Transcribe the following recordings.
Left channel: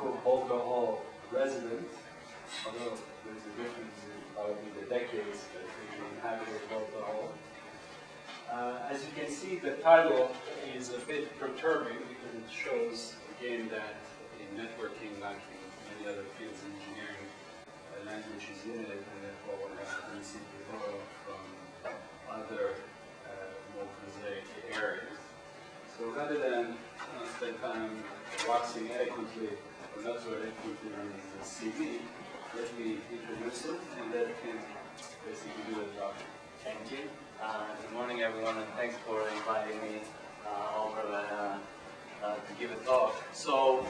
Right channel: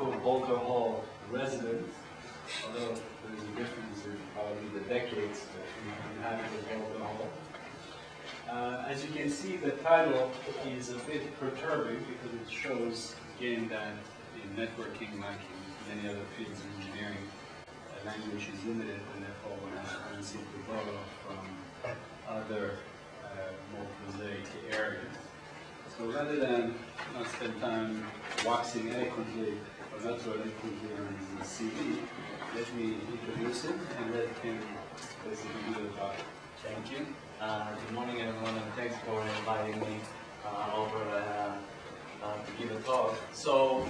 quote-unquote Boulder Hall resident, although there's a difference in probably the decades that we've inhabited Boulder Hall. As you can see, the title is a bit perturbing because it shows, again, that in networking, like in many other fields of engineering, language is limited and therefore one has a tendency to borrow from other more prosaic areas. So rather than spend time waxing eloquently, or not so eloquently on his CV, let me introduce him and let him basically do the talk. Thank you. Good morning, everyone, and thanks for inviting me over to give a talk. So,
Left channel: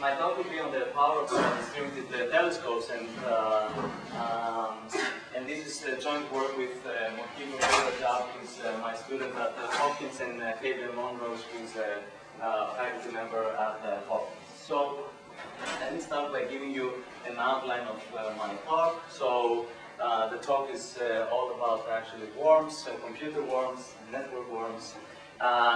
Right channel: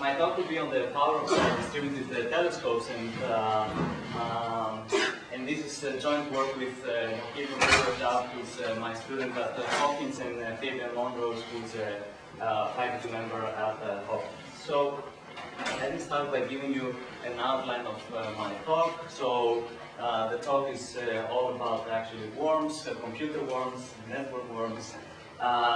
my talk will be on the power of distributed telescopes, and this is a joint work with Mokiba Rajab, who's my student at Hopkins, and Fabian Monrose, who's a faculty member at Hopkins. So, let me start by giving you an outline of my talk. So, the talk is all about actually worms, computer worms, network worms.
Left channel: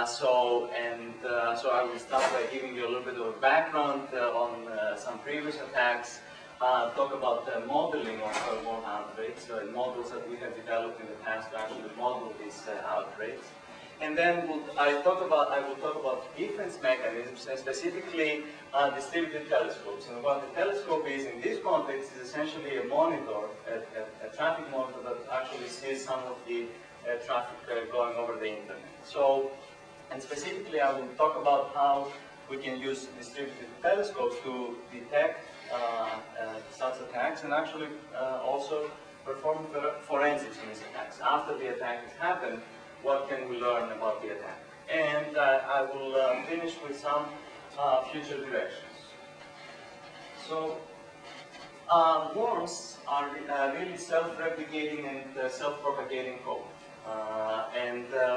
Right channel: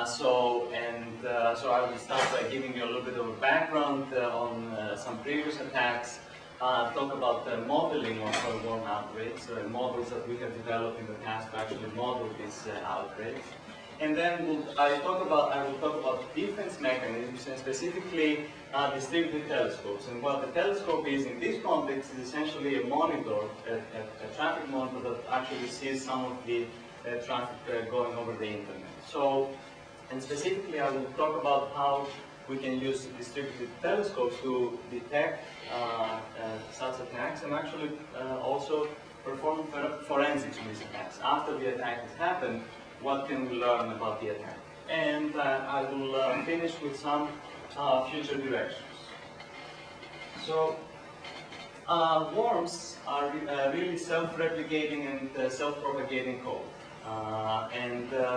So I will start by giving you a little bit of a background on some previous attacks, talk about the modeling of worm outbreaks, models that we have developed in the past to actually model these outbreaks. And then I will talk about defense mechanisms, and specifically distributed telescopes. And what the telescope is in this context is essentially a monitor, a traffic monitor that actually sees some of the traffic going over the internet. So, and specifically I will talk about how we can use distributed telescopes to detect such attacks and actually also perform forensics on these attacks. After the attack has happened, what can we learn about the attack? And I will finish with some future directions. So, worms are really self-replicating and self-propagating code.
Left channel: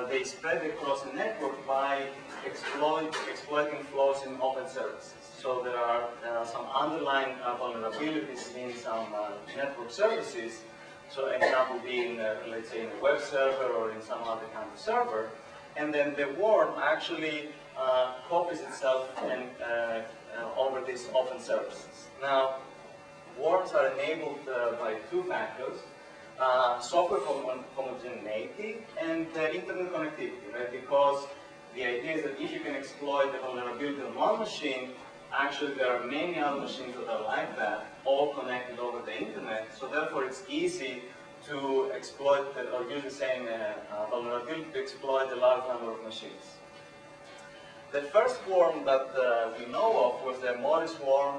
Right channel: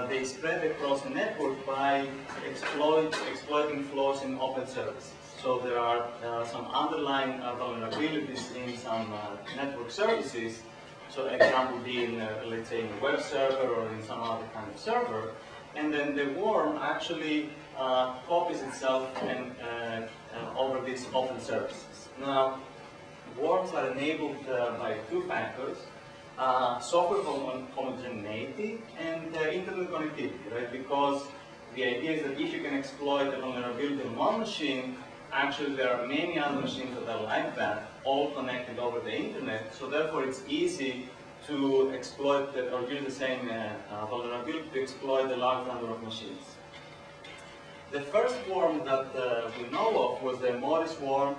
They spread across a network by exploiting flaws in open services. So there are some underlying vulnerabilities in some network services. So example being, let's say, in a web server or in some other kind of server. And then the worm actually copies itself and over these open services. Now, worms are enabled by two factors. Software homogeneity and internet connectivity, right? Because the idea is that if you can exploit a vulnerability on one machine, actually there are many other machines that are like that, all connected over the internet, so therefore it's easy to exploit or use the same vulnerability to exploit a large number of machines. The first worm that we know of was the Morris worm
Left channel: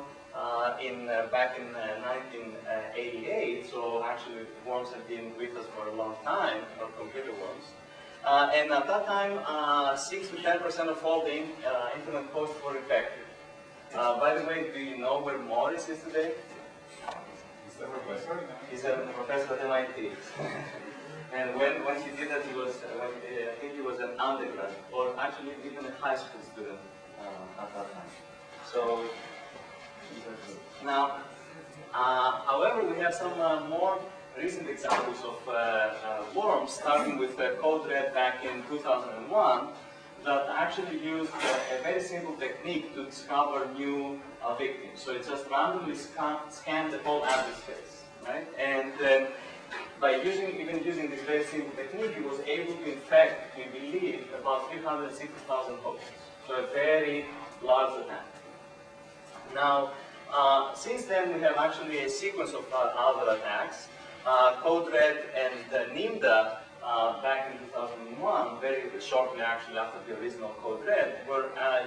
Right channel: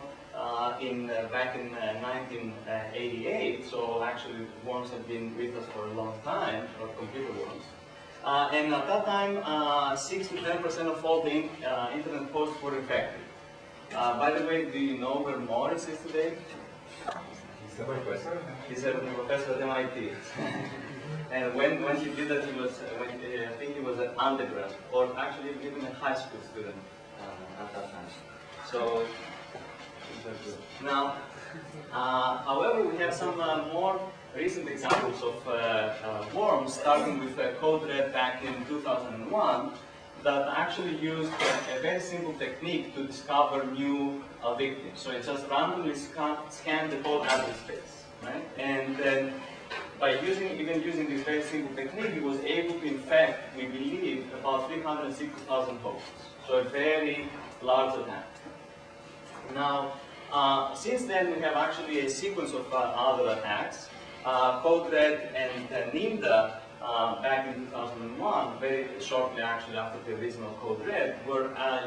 back in 1988, so actually worms have been with us for a long time, or computer worms. And at that time, 6 to 10% of all the internet hosts were infected. By the way, do you know where Morris is today? He's a professor at MIT. And when he did that, I think he was an undergrad, or actually even a high school student at that time. So, now, however, we have some more recent examples of worms, starting with Code Red back in 2001, that actually used a very simple technique to discover new victims. So it just randomly scanned the whole address space, right? And then by even using this very simple technique, it was able to infect, we believe, about 360,000 hosts. So a very large attack. Now, since then, we have actually a sequence of other attacks. Code Red and NIMDA, back in 2001, very shortly actually after the original Code Red,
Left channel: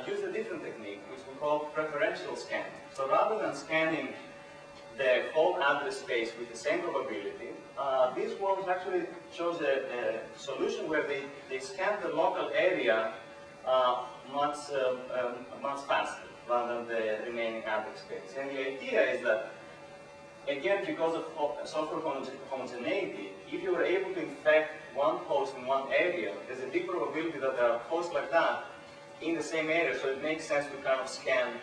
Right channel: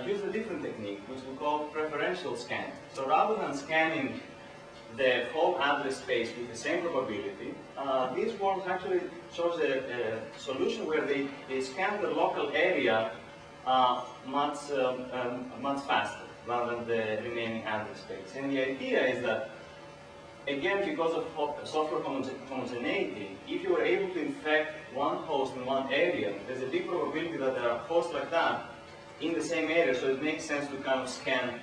used a different technique, which we call preferential scanning. So rather than scanning the whole address space with the same probability, these worms actually chose a solution where they scan the local area much faster rather than the remaining address space. And the idea is that, again, because of software homogeneity, if you were able to infect one host in one area, there's a big probability that there are hosts like that in the same area, so it makes sense to kind of scan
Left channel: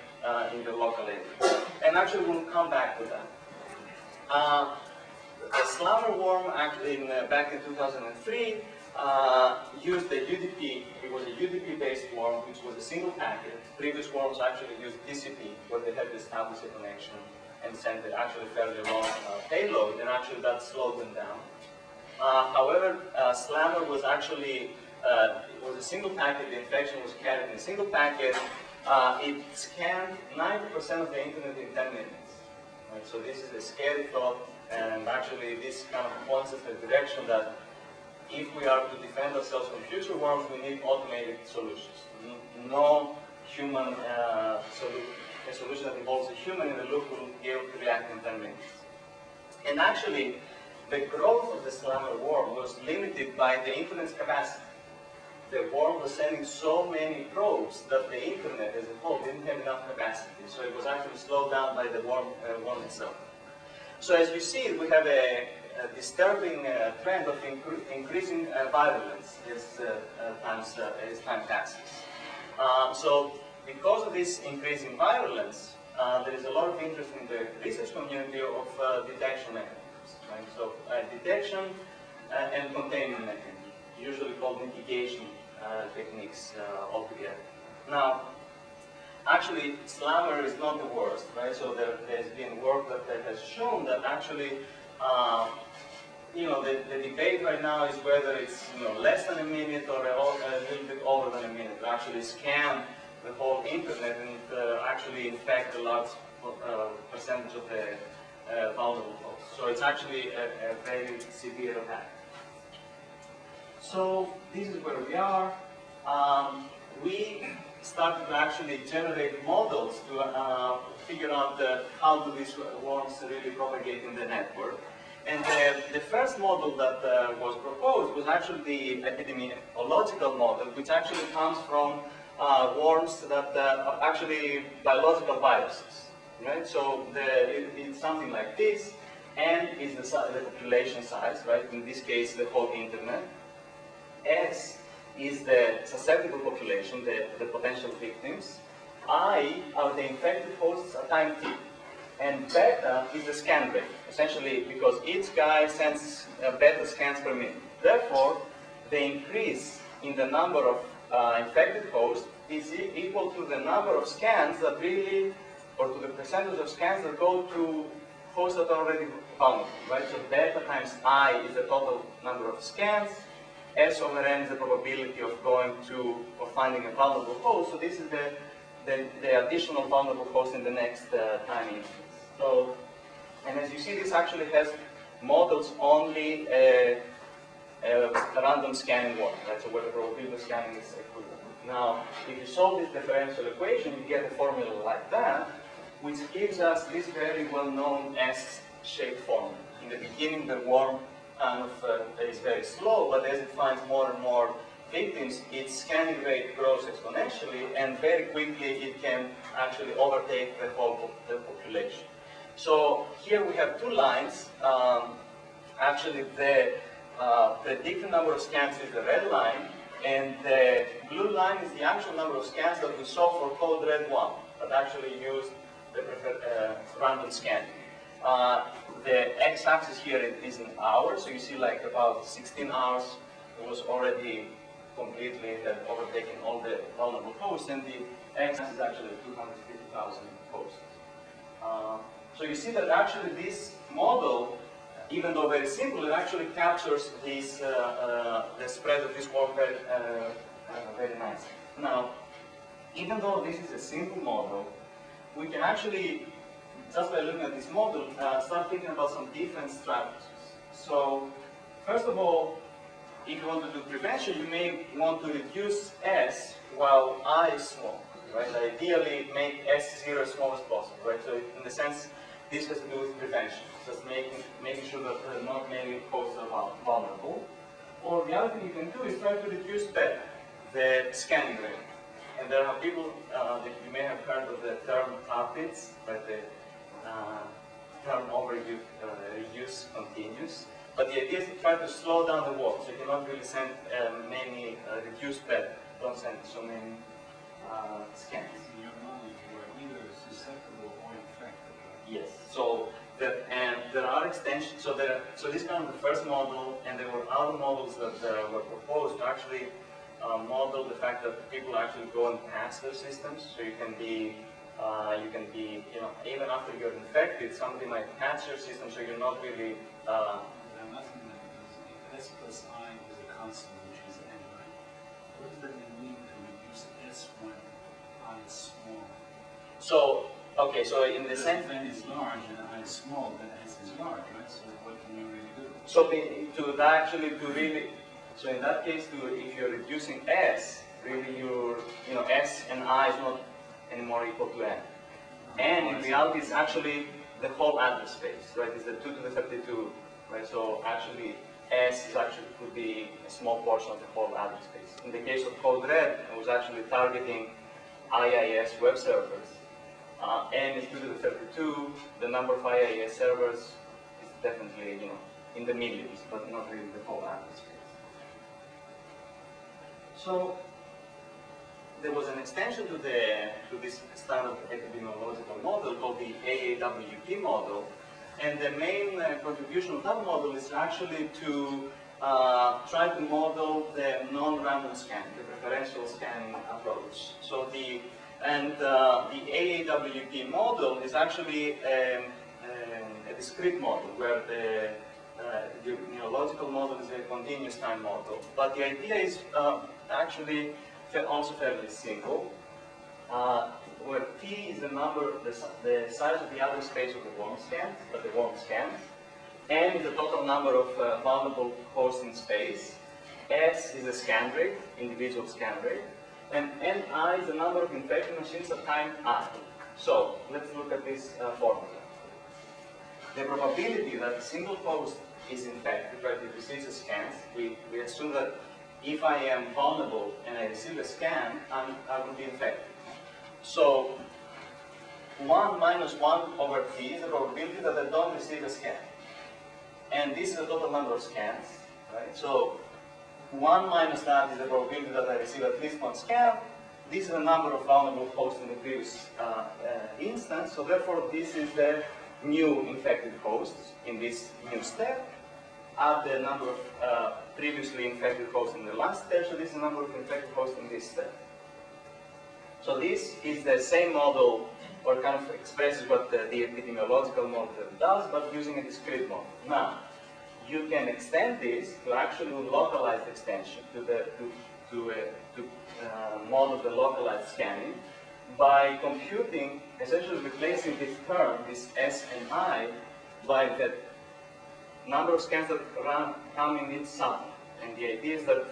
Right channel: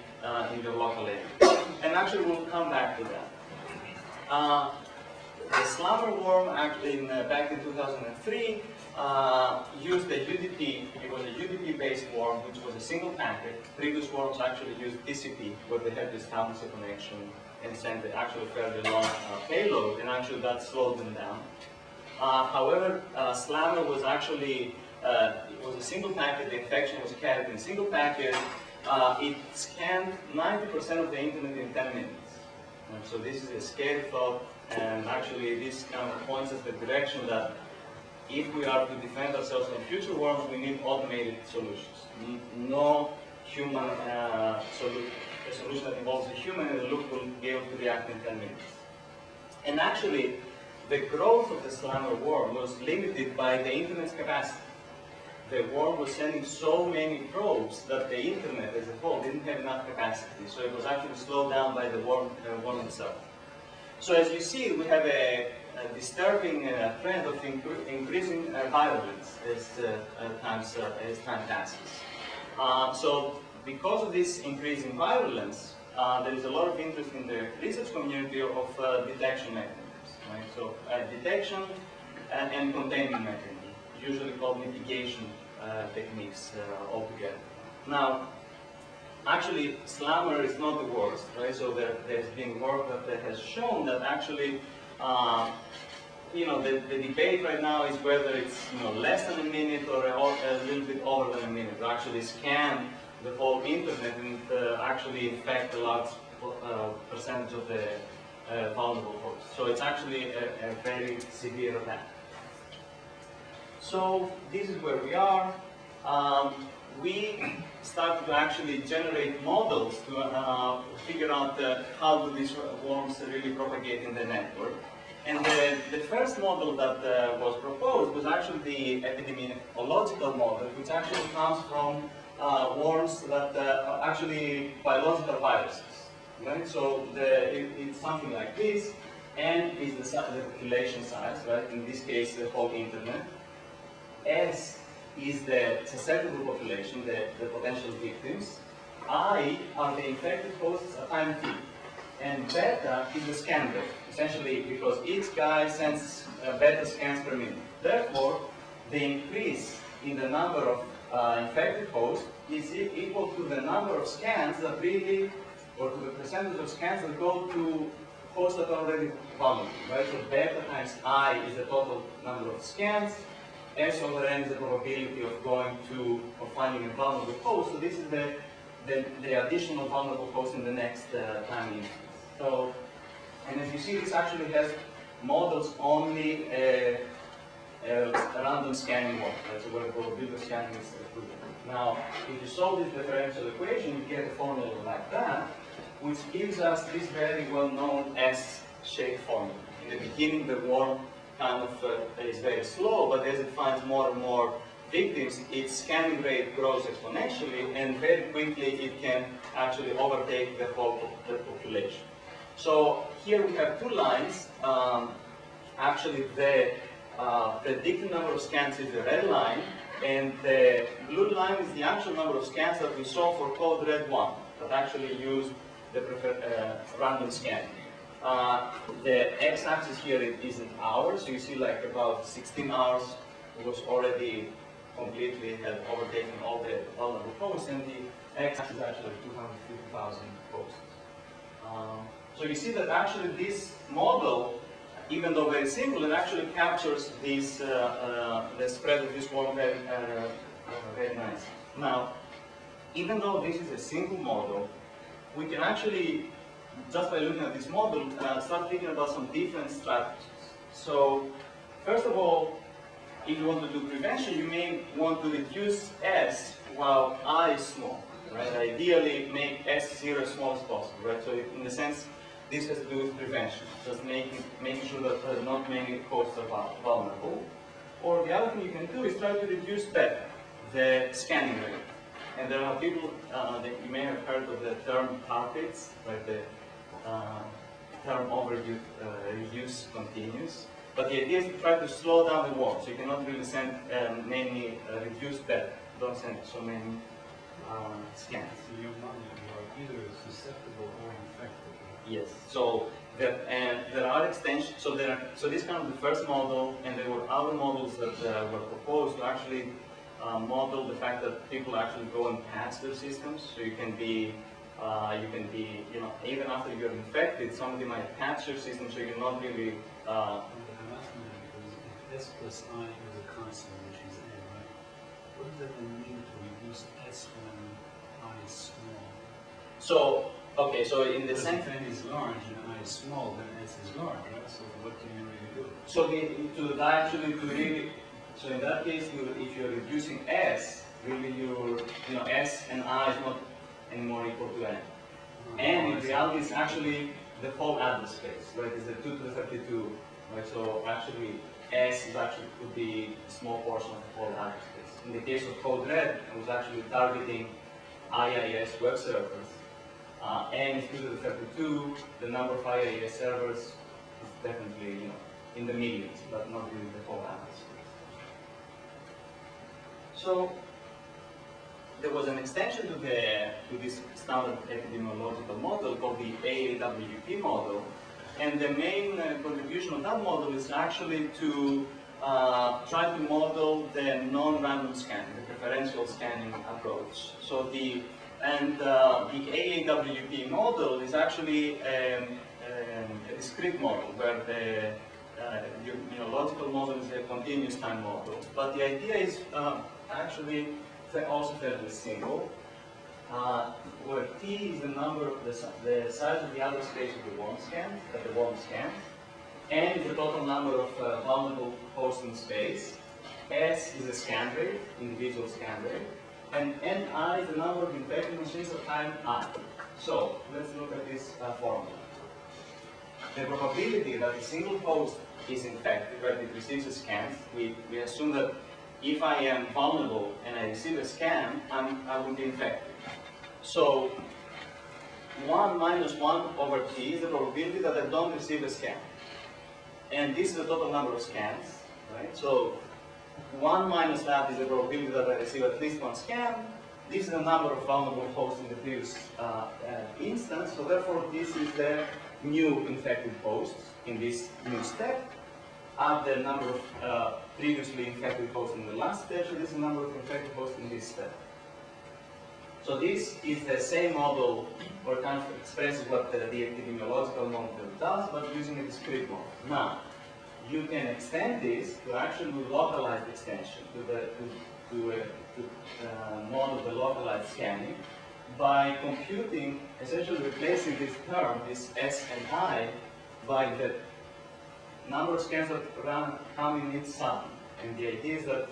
in the local area. And actually, we'll come back to that. The SLAM slammer worm, actually back in 2003, used a UDP. It was a UDP-based worm, which was a single packet. Previous worms actually used TCP, where they had to establish a connection and send actually fairly long payload, and actually that slowed them down. However, slammer was actually it was a single packet. The infection was carried in a single packet. It scanned 90% of the internet in 10 minutes. So this is a scary thought, and actually this kind of points us the direction that if we are to defend ourselves from future worms, we need automated solutions. No human a solution that involves a human in the loop will be able to react in 10 minutes. And actually, the growth of the slammer worm was limited by the internet's capacity. The worm was sending so many probes that the internet as a whole didn't have enough capacity. So it was actually slowed down by the worm itself. So as you see, we have a disturbing trend of increasing virulence as time passes. So because of this increase in virulence, there is a lot of interest in the research community of detection mechanisms. Right? So detection and containment mechanisms, usually called mitigation techniques altogether. Now, actually, slammer is not the worst, right? So there's been work that has shown that actually, the debate right now is whether it's less than a minute or a little bit over than a minute to actually scan the whole internet and actually infect a large percentage of the vulnerable hosts. So it's actually a very severe attack. So this is where we are. We started to actually generate models to figure out how do these worms really propagate in the network. And the first model that was proposed was actually the epidemiological model, which actually comes from worms that are actually biological viruses. Right? So it's something like this, and is the population size, right? In this case, the whole internet. S is the susceptible population, the potential victims. I are the infected hosts at time t. And beta is the scan rate, essentially because each guy sends beta scans per minute. Therefore, the increase in the number of infected hosts is equal to the number of scans that really, or to the percentage of scans that go to hosts that are already vulnerable, right? So beta times I is the total number of scans. S over n is the probability of going to or finding a vulnerable host. So this is the additional vulnerable host in the next time instance. So, and as you see, this actually has models only a random scanning work, right? So where the probability of scanning is equivalent. Now, if you solve this differential equation, you get a formula like that, which gives us this very well-known S-shaped formula. In the beginning, the worm kind of is very slow, but as it finds more and more victims, its scanning rate grows exponentially, and very quickly it can actually overtake the whole population. So here we have two lines. Actually, the predicted number of scans is the red line, and the blue line is the actual number of scans that we saw for code red 1, that actually used the preferred random scanning. The x-axis here is in hours, so you see like about 16 hours it was already completely had overtaken all the vulnerable hosts, and the x-axis is actually 250,000 hosts. So you see that actually this model, even though very simple, it actually captures this, the spread of this worm very, very nicely. Now, even though this is a simple model, we can actually, just by looking at this model, start thinking about some different strategies. So, first of all, if you want to do prevention, you may want to reduce S while I is small, right? Ideally, make S0 as small as possible, right? So, in the sense, this has to do with prevention, just making sure that not many hosts are vulnerable. Or the other thing you can do is try to reduce beta, the scanning rate. And there are people that you may have heard of the term tar pits, right? The term overuse reuse continuous. But the idea is to try to slow down the worm, so you cannot really send many reduced beta. Don't send so many scans. In your knowledge, you are either susceptible or infected. Right? Yes. So And there are extensions. So this is kind of the first model, and there were other models that were proposed to actually model the fact that people actually go and patch their systems. So you can be, even after you're infected, somebody might patch your system, so you're not really. I'm asking that because if S plus I is a constant, which is n, right? What does that then mean to reduce S when I is small? So, okay, so in the same. If n is large and I is small, then S is large, right? So what can you really do? So so in that case, if you're reducing S, really S and I is not anymore equal to n. And in reality, it's actually the whole address space, right? It's the 2 to the 32, right? So actually, S could be a small portion of the whole address space. In the case of Code Red, it was actually targeting IIS web servers. N is 2 to the 32. The number of IIS servers is definitely, in the millions, but not really the whole address space. So there was an extension to this standard epidemiological model called the AAWP model, and the main contribution of that model is actually to try to model the non-random scanning, the preferential scanning approach. So the AAWP model is actually a discrete model where the epidemiological model is a continuous time model. But the idea is actually also fairly simple, where T is the number, the size of the address space of the worm scans, N is the total number of vulnerable hosts in space, S is the scan rate, individual scan rate, and Ni is the number of infected machines at time I. So let's look at this formula. The probability that a single host is infected, right, it receives a scan, we assume that if I am vulnerable and I receive a scan, I will be infected. So 1 minus 1 over T is the probability that I don't receive a scan. And this is the total number of scans, right? So 1 minus that is the probability that I receive at least one scan. This is the number of vulnerable hosts in the previous instance. So therefore, this is the new infected hosts in this new step. Add the number of previously infected hosts in the last step, so this is the number of infected hosts in this step. So this is the same model, or kind of expresses what the epidemiological model does, but using a discrete model. Now, you can extend this to actually localized extension, to model the localized scanning, by computing, essentially replacing this term, this S and I, by the number of scans that come in each subnet. And the idea is that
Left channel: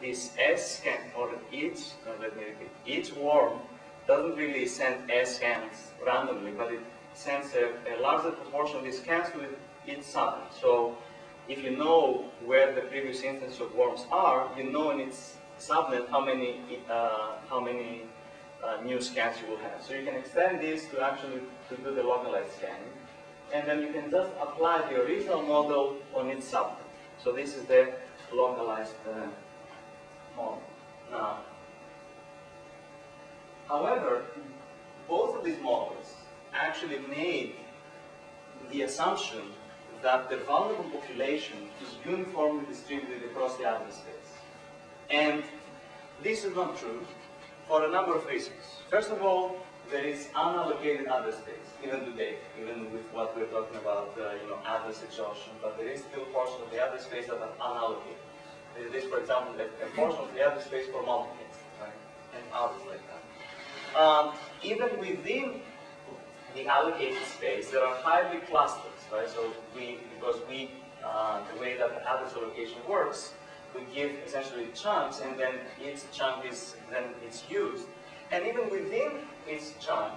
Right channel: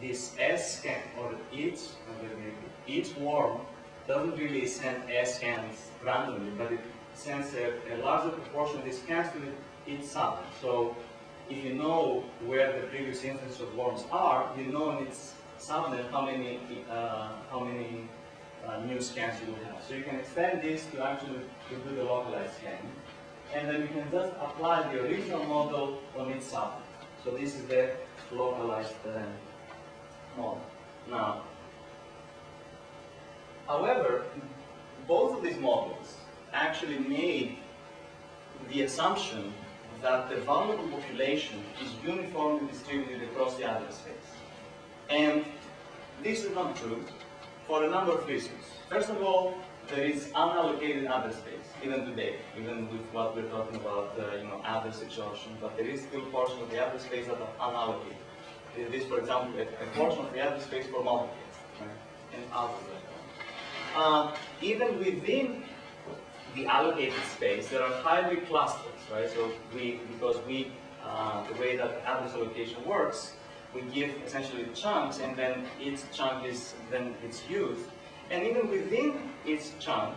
this S scan, or each worm doesn't really send S scans randomly, but it sends a larger proportion of these scans to each subnet. So if you know where the previous instances of worms are, you know in its subnet how many new scans you will have. So you can extend this to actually do the localized scanning. And then you can just apply the original model on its subnet. So this is the localized model. Now, however, both of these models actually made the assumption that the vulnerable population is uniformly distributed across the address space. And this is not true for a number of reasons. First of all, there is unallocated address space, even today, even with what we're talking about, address exhaustion, but there is still portions of the address space that are unallocated. There is, for example, a portion of the address space for multiplets, right? And others like that. Even within the allocated space, there are highly clusters, right? So because the way that the address allocation works, we give essentially chunks, and then each chunk is used. And even within each chunk,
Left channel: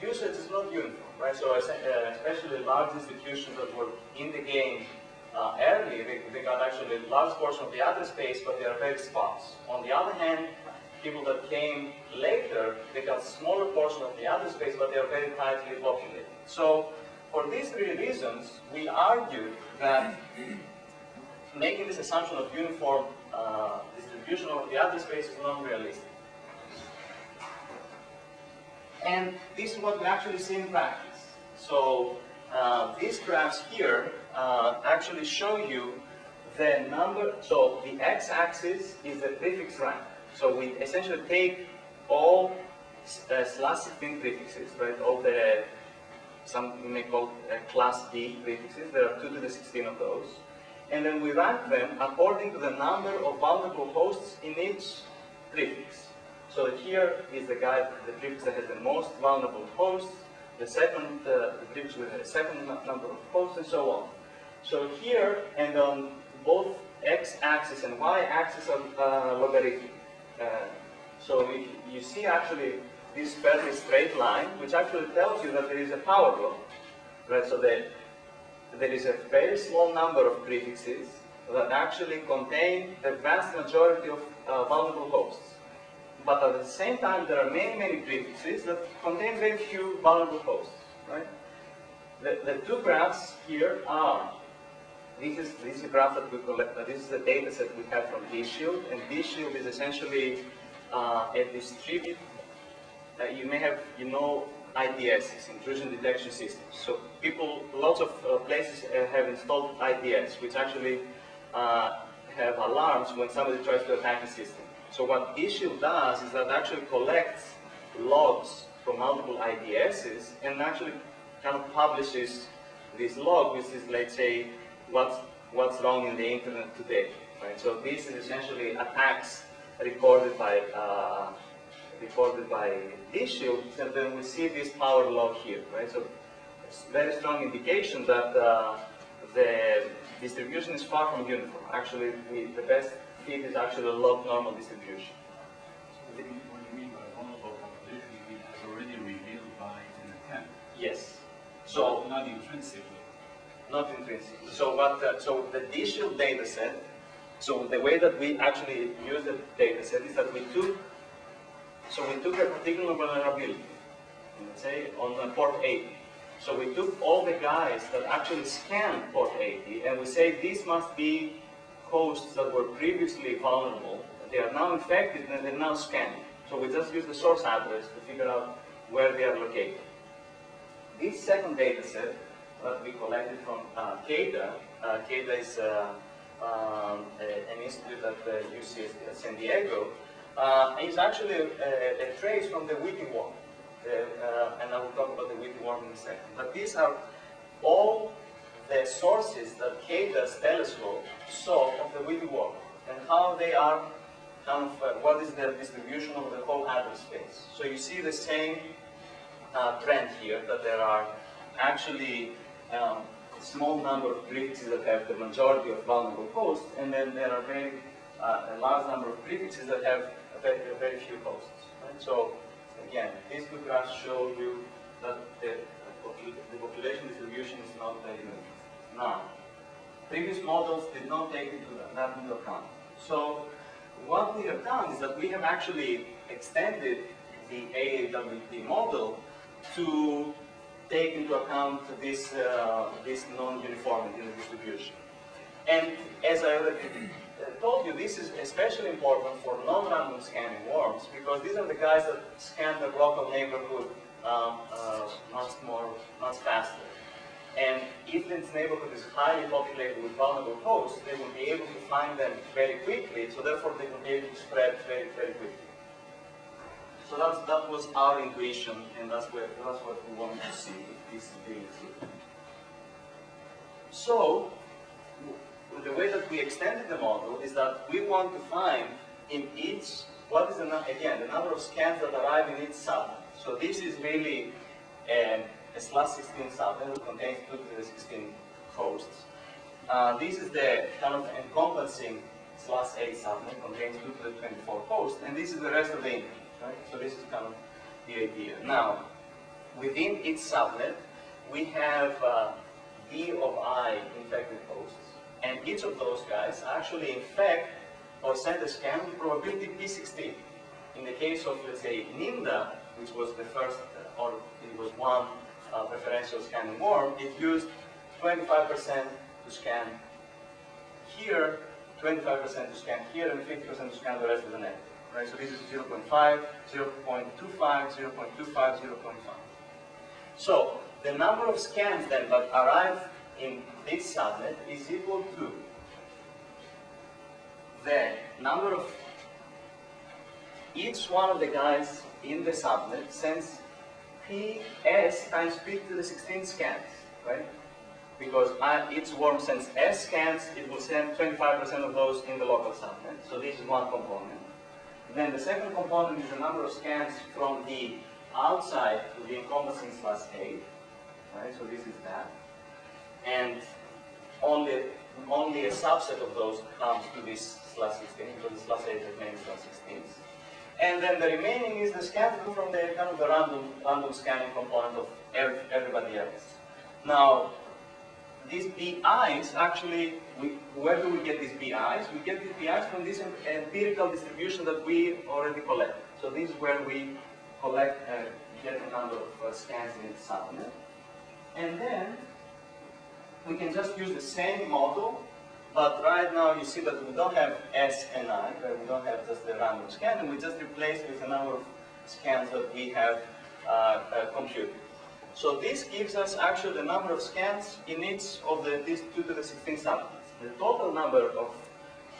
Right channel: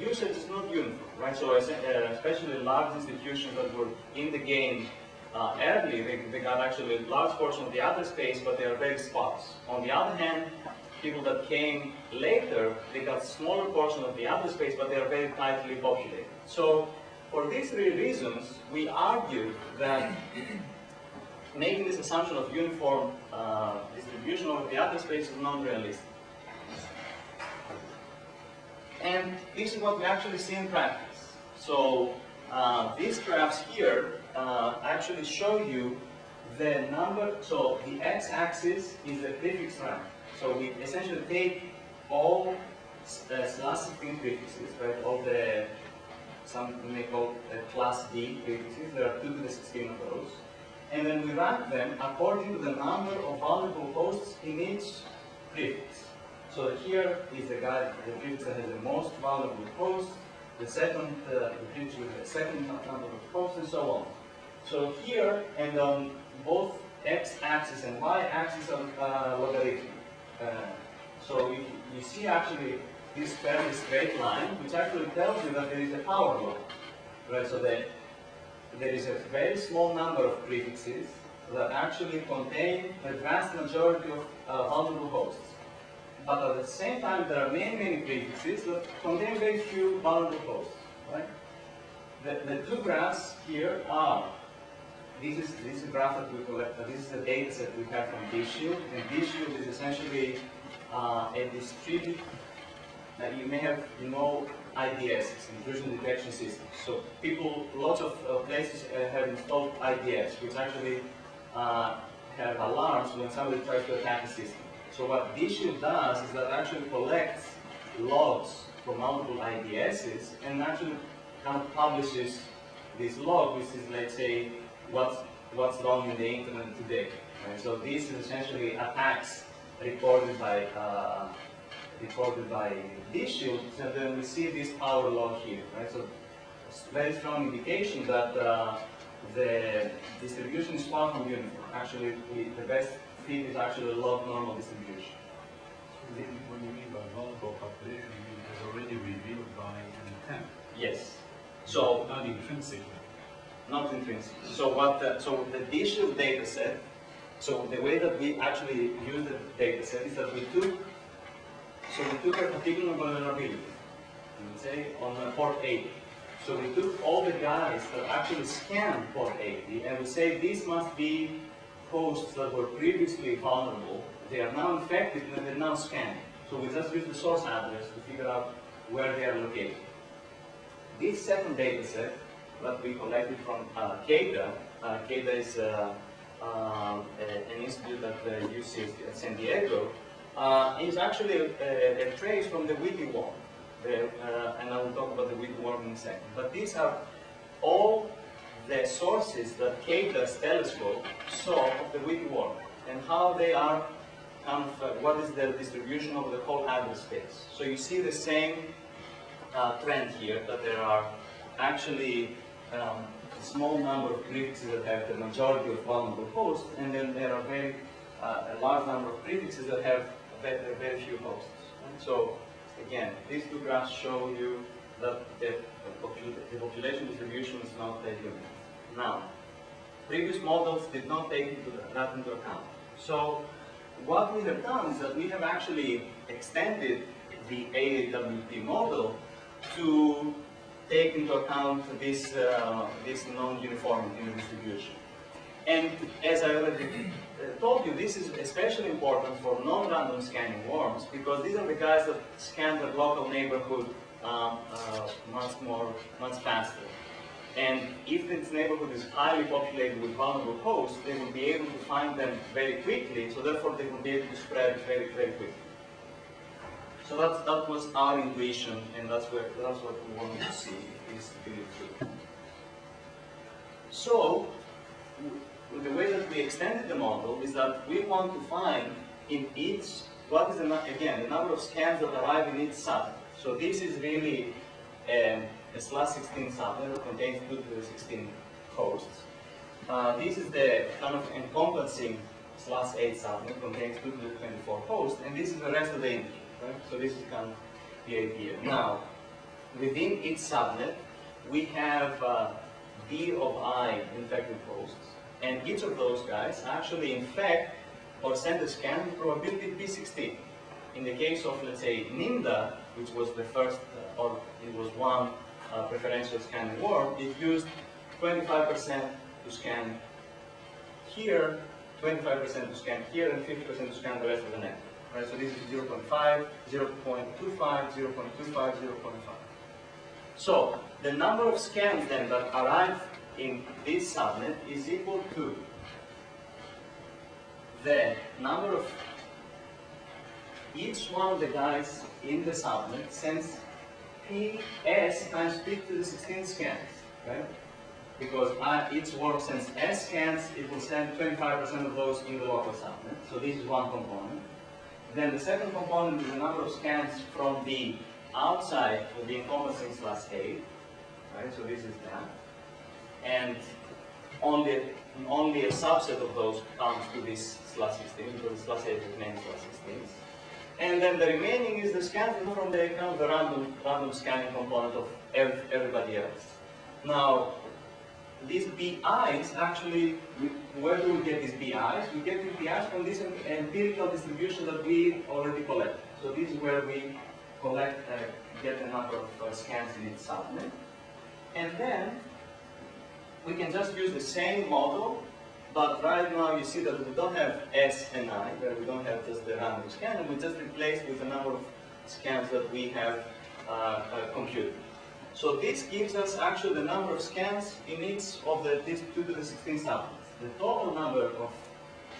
usage is not uniform, right? So especially large institutions that were in the game early, they got actually a large portion of the address space, but they are very sparse. On the other hand, people that came later, they got smaller portion of the address space, but they are very tightly populated. So for these three reasons, we argue that making this assumption of uniform distribution of the address space is non-realistic. And this is what we actually see in practice. So These graphs here actually show you the number. So the x-axis is the prefix rank. So we essentially take all /16 prefixes, right? All the, some we may call class D prefixes. There are 2 to the 16 of those. And then we rank them according to the number of vulnerable hosts in each prefix. So here is the prefix that has the most vulnerable hosts, the prefix with the second number of hosts, and so on. So here, and on both x-axis and y-axis are logarithmic. So you see actually this fairly straight line, which actually tells you that there is a power law, right? So that there is a very small number of prefixes that actually contain the vast majority of vulnerable hosts. But at the same time, there are many, many prefixes that contain very few vulnerable hosts, right? The 2 graphs here are, this is a graph that we collect, this is the data set we have from DShield, and DShield is essentially a distributed, you may have, IDS, intrusion detection systems. So people, lots of places have installed IDS, which actually have alarms when somebody tries to attack a system. So what DShield does is that actually collects logs from multiple IDSs and actually kind of publishes this log, which is, let's say, what's wrong in the internet today. Right? So this is essentially attacks recorded by DShield, and then we see this power log here, right? So it's a very strong indication that the distribution is far from uniform. Actually, the best fit is actually a log normal distribution. So what you mean by vulnerable population, you mean it was already revealed by an attempt? Yes. So not intrinsically. Not intrinsically. So so the DShield data set. So the way that we actually use the data set is that we took a particular vulnerability, let's say on port 80. So we took all the guys that actually scanned port 80, and we say these must be hosts that were previously vulnerable. They are now infected, and they're now scanning. So we just use the source address to figure out where they are located. This second data set that we collected from CADA, CADA is an institute at the UC San Diego, is actually a trace from the Witty worm. And I will talk about the Witty worm in a second. But these are all the sources that CADA's telescope saw of the Witty worm and how they are kind of, what is their distribution over the whole address space. So you see the same trend here, that there are actually a small number of prefixes that have the majority of vulnerable hosts, and then there are a large number of prefixes that have very few hosts. Right? So again, these 2 graphs show you that the population distribution is not very uniform. Now, previous models did not take that into account. So what we have done is that we have actually extended the AAWP model to take into account this non-uniformity in the distribution. And as I already told you, this is especially important for non-random scanning worms, because these are the guys that scan their local neighborhood much faster. And if this neighborhood is highly populated with vulnerable hosts, they will be able to find them very quickly, so therefore they will be able to spread very, very quickly. So that was our intuition, and that's what we wanted to see, if this is really true. So, the way that we extended the model is that we want to find in each, what is, again, the number of scans that arrive in each subnet. So this is really a /16 subnet that contains 2 to the 16 hosts. This is the kind of encompassing /8 subnet, contains 2 to the 24 hosts, and this is the rest of the internet, right? So this is kind of the idea. Now, within each subnet, we have D of I infected hosts, and each of those guys actually infect or send a scan with probability P16. In the case of, let's say, NIMDA, which was the first, or it was one preferential scanning worm, it used 25% to scan here, 25% to scan here, and 50% to scan the rest of the network. Right? So this is 0.5, 0.25, 0.25, 0.5. So the number of scans then that arrive in this subnet is equal to the number of each one of the guys in the subnet sends PS times P to the 16 scans, right? Because each worm sends S scans, it will send 25% of those in the local subnet. So this is one component. Then the second component is the number of scans from the outside of the encompassing /8, right? So this is that. And only a subset of those comes to this /16, because the /8 has many /16s. And then the remaining is the scans from the kind of the random scanning component of everybody else. Now, these BIs actually, where do we get these BIs? We get these BIs from this empirical distribution that we already collected. So this is where we collect, get the number of scans in each subnet. And then we can just use the same model, but right now you see that we don't have S and I, where we don't have just the random scan, and we just replace with the number of scans that we have computed. So this gives us actually the number of scans in each of these 2 to the 16 subnets. The total number of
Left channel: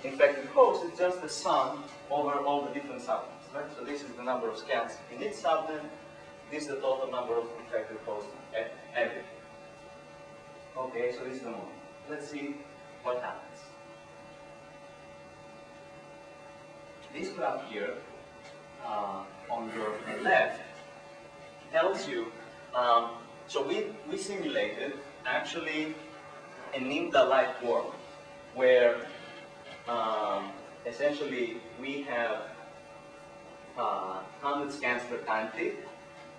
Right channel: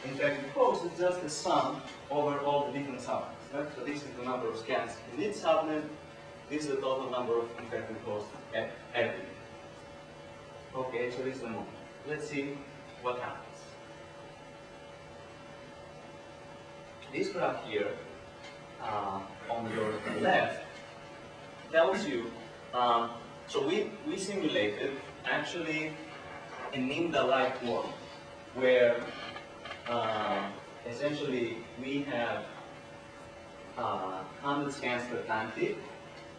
infected hosts is just the sum over all the different subnets, right? So this is the number of scans in each subnet. This is the total number of infected hosts every. Okay, so this is the model. Let's see what happens. This graph here on your left tells you, so we simulated actually a NIMDA-like worm where essentially we have 100 scans per time tick.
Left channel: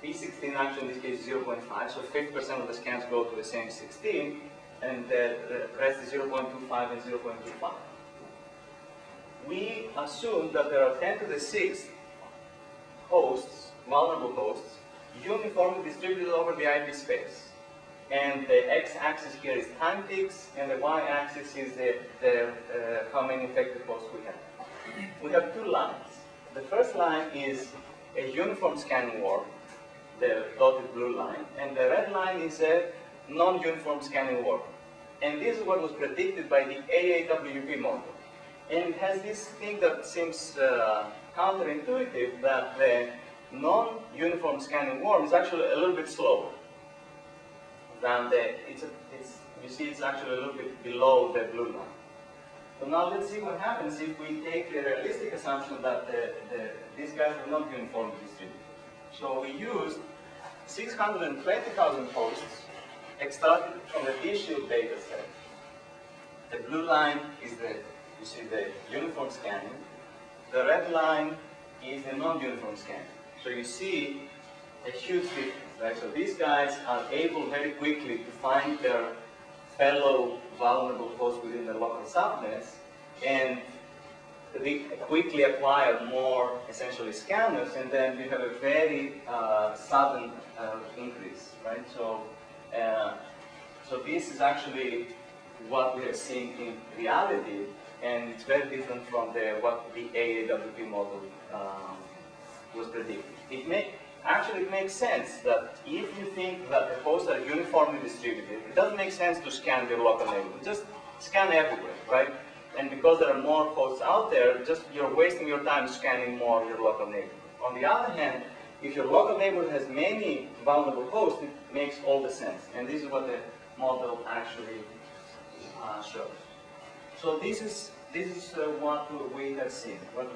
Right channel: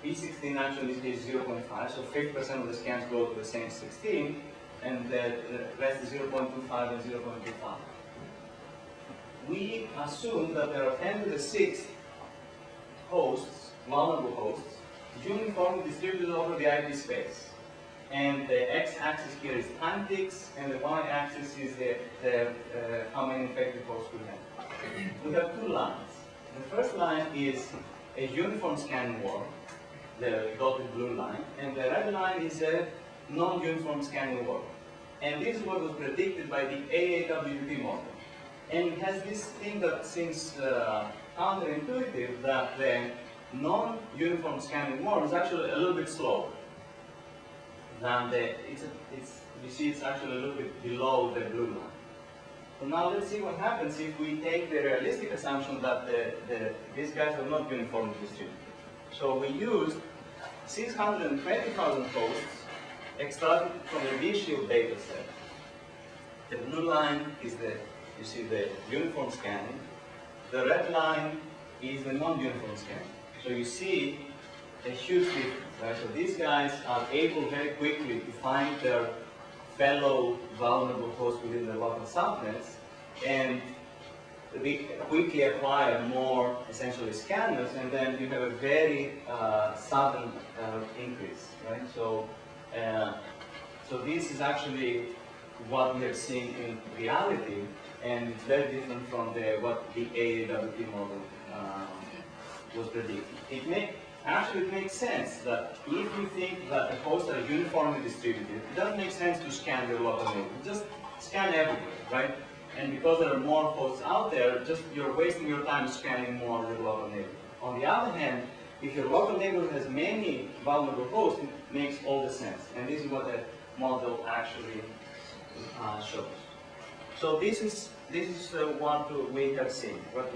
P16 actually in this case is 0.5, so 50% of the scans go to the same 16, and the rest is 0.25 and 0.25. We assume that there are 10 to the 6th hosts, vulnerable hosts, uniformly distributed over the IP space. And the x-axis here is time ticks, and the y-axis is how many infected hosts we have. We have two lines. The first line is a uniform scanning worm, the dotted blue line, and the red line is a non-uniform scanning worm. And this is what was predicted by the AAWP model. And it has this thing that seems counterintuitive, that the non-uniform scanning worm is actually a little bit slower than you see it's actually a little bit below the blue line. So now let's see what happens if we take the realistic assumption that these guys are not uniformly distributed. So we used 620,000 hosts extracted from the V-Shield data set. The blue line is you see the uniform scanning. The red line is the non-uniform scanning. So you see a huge difference, right? So these guys are able very quickly to find their fellow vulnerable hosts within the local subnets, and they quickly acquire more, essentially, scanners, and then you have a very sudden increase, right? So, so this is actually what we are seeing in reality, and it's very different from what the AAWP model was predicting. It makes sense that if you think that the hosts are uniformly distributed, it doesn't make sense to scan your local neighborhood. Just scan everywhere, right? And because there are more hosts out there, you're wasting your time scanning more your local neighborhood. On the other hand, if your local neighborhood has many vulnerable hosts, it makes all the sense. And this is what the model actually shows. So this is what we have seen, what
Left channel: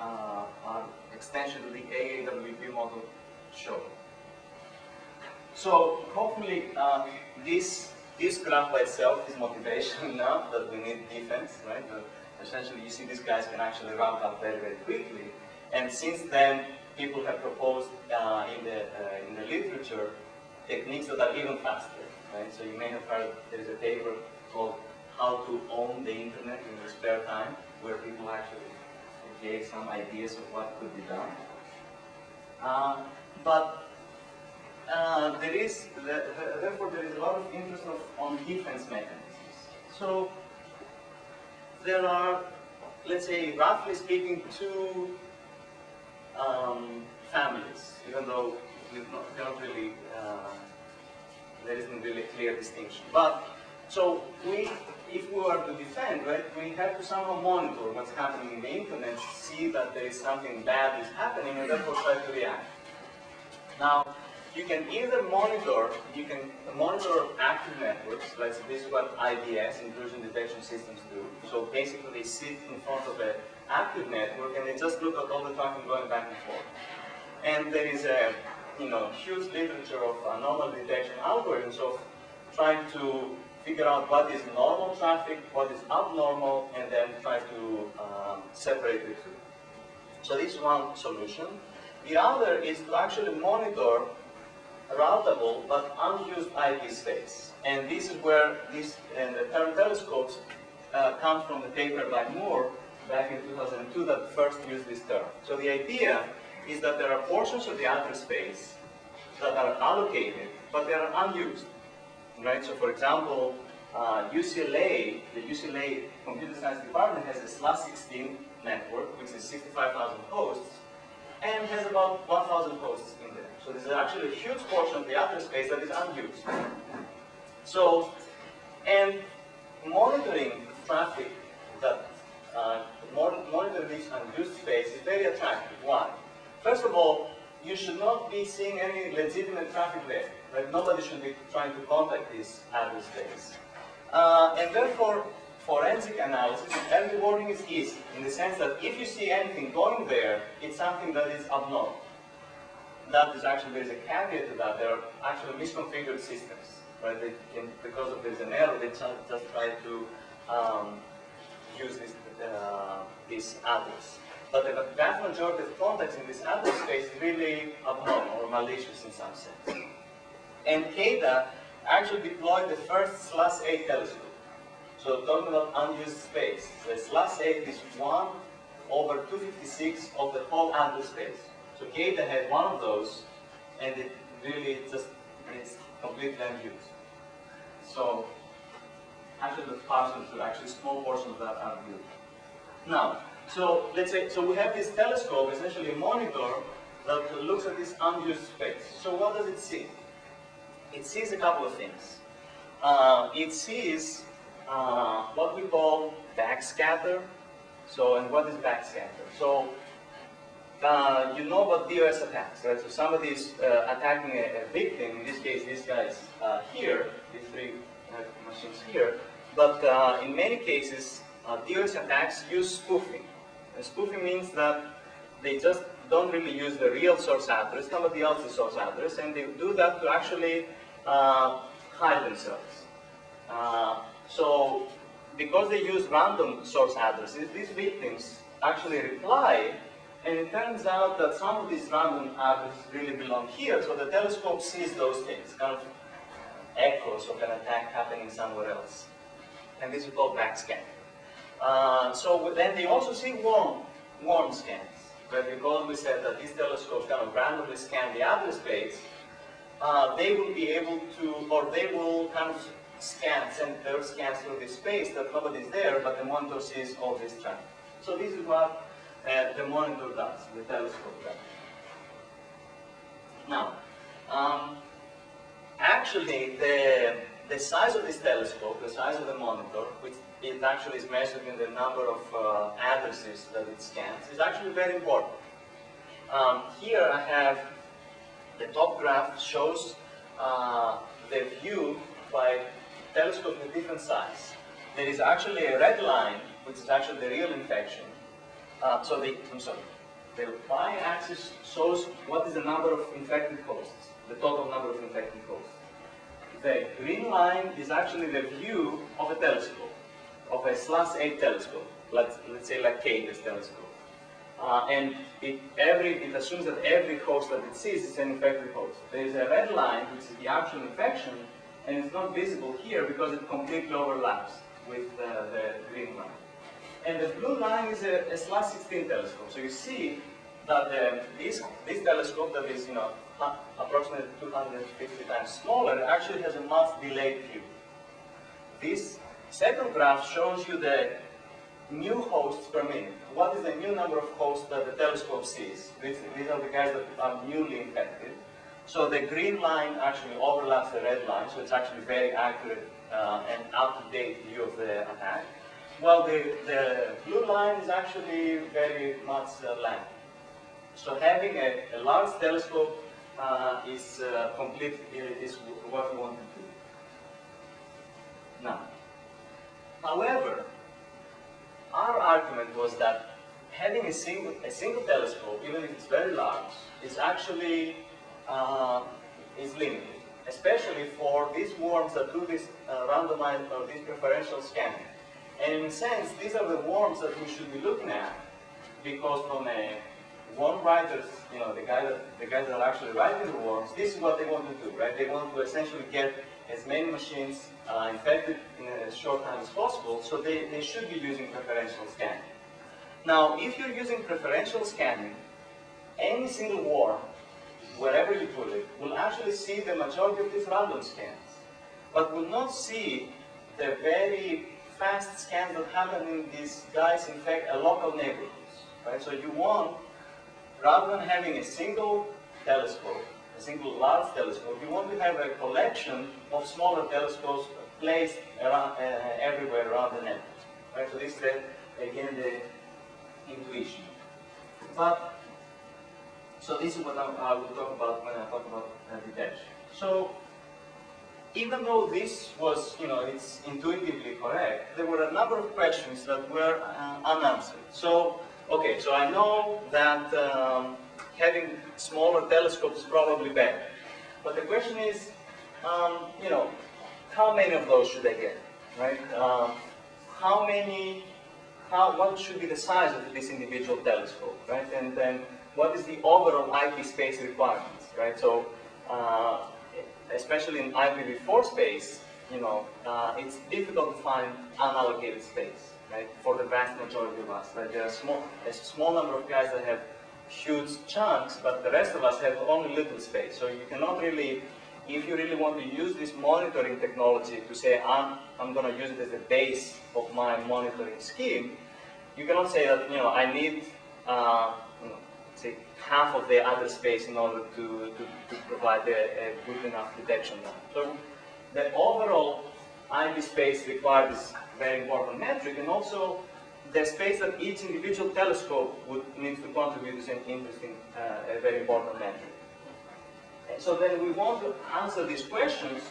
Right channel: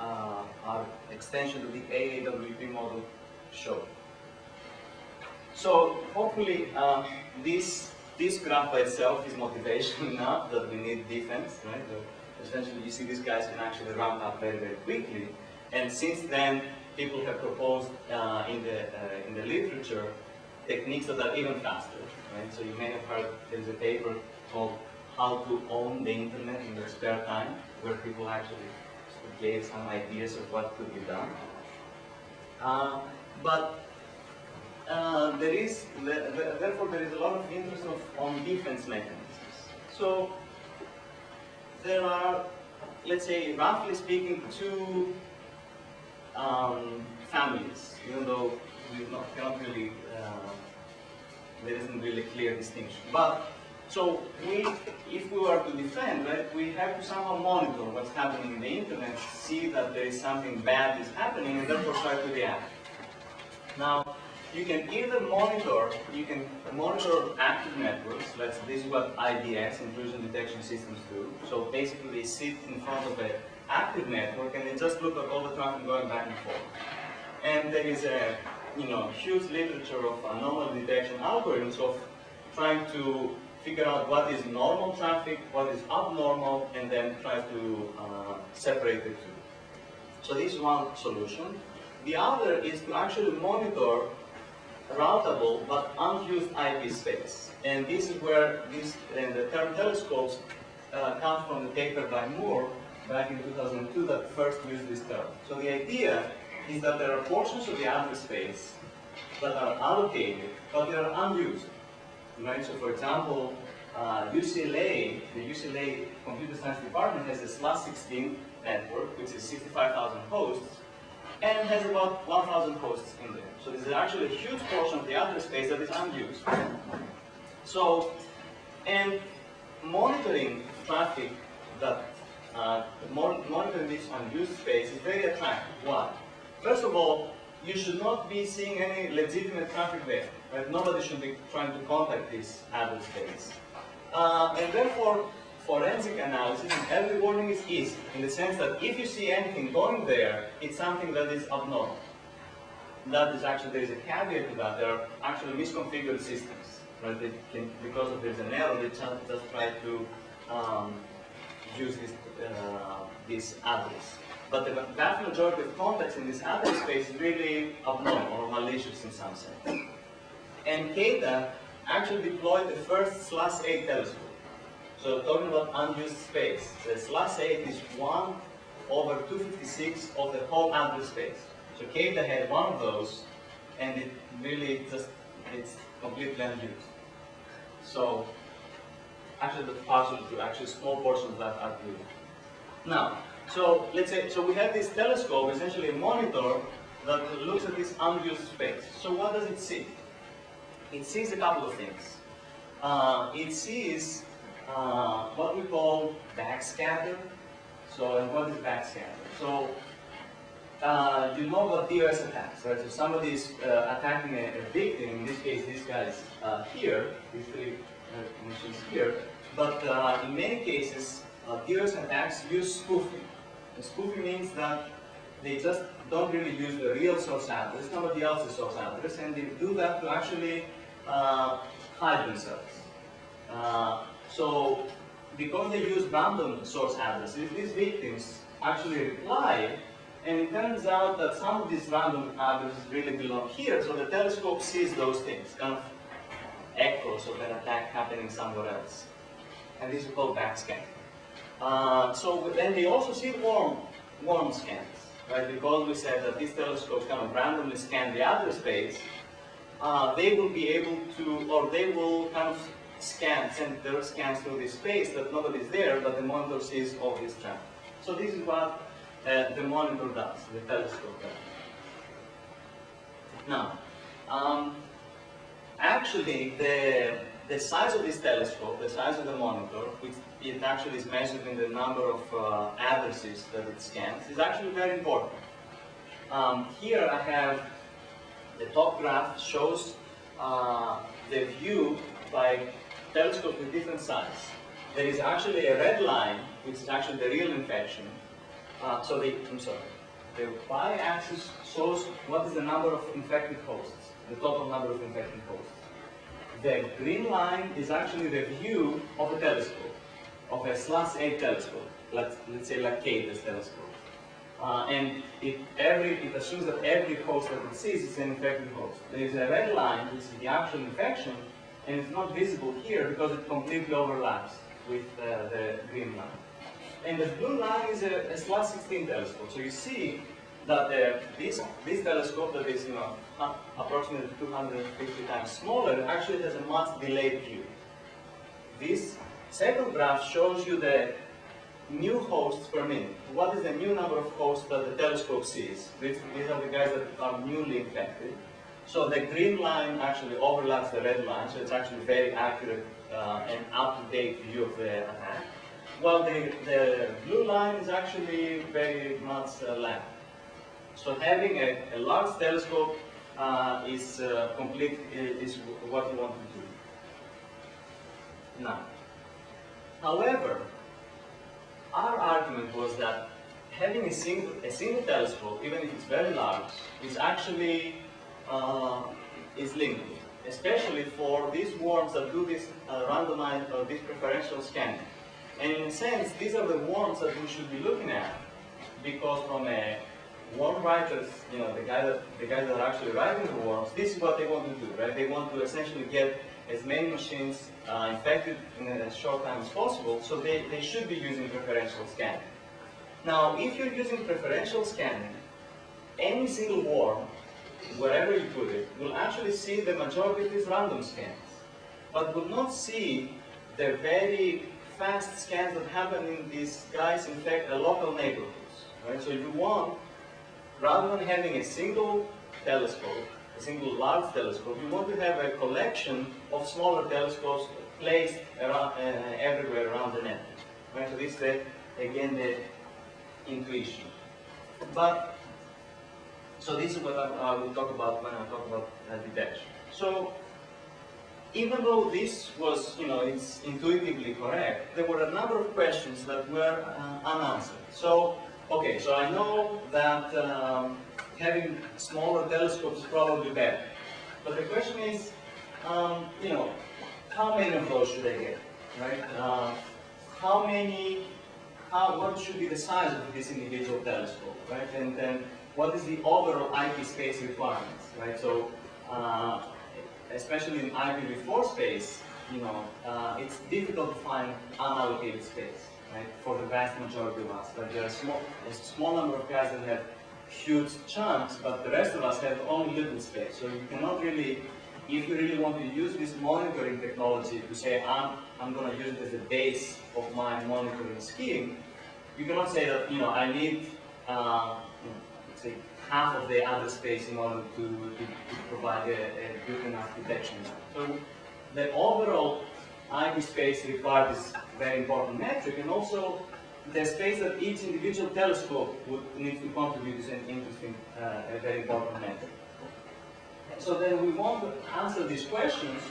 our extension to the AAWP model showed. So hopefully this graph by itself is motivation enough that we need defense, right? Essentially, you see these guys can actually ramp up very, very quickly. And since then, people have proposed in the literature techniques that are even faster, right? So you may have heard there's a paper called How to Own the Internet in Your Spare Time, where people actually gave some ideas of what could be done. Therefore, there is a lot of interest on defense mechanisms. So there are, let's say, roughly speaking, two families, even though cannot really, there isn't really a clear distinction. But, so if we were to defend, right, we have to somehow monitor what's happening in the internet, see that there is something bad is happening, and therefore try to react. Now, you can either monitor, active networks, this is what IDS, intrusion detection systems, do. So basically they sit in front of an active network and they just look at all the traffic going back and forth. And there is a huge literature of anomaly detection algorithms of trying to figure out what is normal traffic, what is abnormal, and then try to separate the two. So this is one solution. The other is to actually monitor routable but unused IP space. And this is where the term telescopes comes from the paper by Moore back in 2002 that first used this term. So the idea is that there are portions of the address space that are allocated, but they are unused. Right? So for example, UCLA, the UCLA Computer Science Department has a /16 network, which is 65,000 hosts, and has about 1,000 hosts in there. So this is actually a huge portion of the address space that is unused. So, and monitoring traffic that, monitoring this unused space is very attractive. Why? First of all, you should not be seeing any legitimate traffic there. Right? Nobody should be trying to contact this address space. And therefore, forensic analysis and early warning is easy, in the sense that if you see anything going there, it's something that is abnormal. That is actually, there is a caveat to that. There are actually misconfigured systems, right? They can, because of there's an error, they just try to use this address. But the vast majority of contacts in this address space is really abnormal or malicious in some sense. And CADA actually deployed the first /8 telescope. So talking about unused space, the /8 is 1/256 of the whole address space. So CADA had one of those, and it really it's completely unused. So actually the partial to actually small portions of that are used. Now, so let's say, so we have this telescope, essentially a monitor that looks at this unused space. So what does it see? It sees a couple of things. It sees what we call backscatter. So, and what is backscatter? So, you know about DOS attacks, right? So somebody is attacking a victim, in this case, these guys here, these three machines here, but in many cases, DOS attacks use spoofing. And spoofing means that they just don't really use the real source address, somebody else's source address, and they do that to actually hide themselves. So, because they use random source addresses, these victims actually reply, and it turns out that some of these random addresses really belong here, so the telescope sees those things, kind of echoes of an attack happening somewhere else. And this is called backscan. So then they also see worm scans, right? Because we said that these telescopes kind of randomly scan the address space, they will be able to, or they will kind of send their scans through this space that nobody's there, but the monitor sees all this traffic. So this is what the monitor does, the telescope does. Now, actually, the size of this telescope, the size of the monitor, which it actually is measured in the number of addresses that it scans, is actually very important. Here I have the top graph shows the view by telescopes with different size. There is actually a red line, which is actually the real infection. The y-axis shows what is the number of infected hosts, the total number of infected hosts. The green line is actually the view of a telescope, of a /8 telescope, let's say like CADA's telescope. And it assumes that every host that it sees is an infected host. There is a red line, which is the actual infection, and it's not visible here because it completely overlaps with the green line. And the blue line is a /16 telescope. So you see that this telescope that is approximately 250 times smaller actually has a much delayed view. This second graph shows you the new hosts per minute. What is the new number of hosts that the telescope sees? These are the guys that are newly infected. So the green line actually overlaps the red line, so it's actually very accurate and up-to-date view of the attack. While the blue line is actually very much length. So having a large telescope is what we want to do. Now, however, our argument was that having a single telescope, even if it's very large, is actually is limited, especially for these worms that do this randomized or this preferential scanning. And in a sense, these are the worms that we should be looking at, because from a worm writers, the guys that are actually writing the worms, this is what they want to do, right? They want to essentially get as many machines infected in as short time as possible, so they should be using preferential scanning. Now, if you're using preferential scanning, any single worm, wherever you put it, will actually see the majority of these random scans, but will not see the very fast scans that happen in these guys infect local neighborhoods, right? So you want, rather than having a single telescope, a single large telescope, you want to have a collection of smaller telescopes placed around, everywhere around the network, right? So this is, again, the intuition. So this is what I will talk about when I talk about detection. So even though this was, it's intuitively correct, there were a number of questions that were unanswered. So, okay, so I know that having smaller telescopes is probably better. But the question is, how many of those should I get, right? What should be the size of this individual telescope, right? And then what is the overall IP space requirements, right? So, especially in IPv4 space, it's difficult to find unallocated space, right? For the vast majority of us, right? There are a small number of guys that have huge chunks, but the rest of us have only little space. So you cannot really, if you really want to use this monitoring technology to say, I'm going to use it as the base of my monitoring scheme, you cannot say that, I need, say, half of the other space in order to provide a good enough detection. So the overall IP space required is a very important metric, and also the space that each individual telescope would need to contribute is an interesting, a very important metric. And so then we want to answer these questions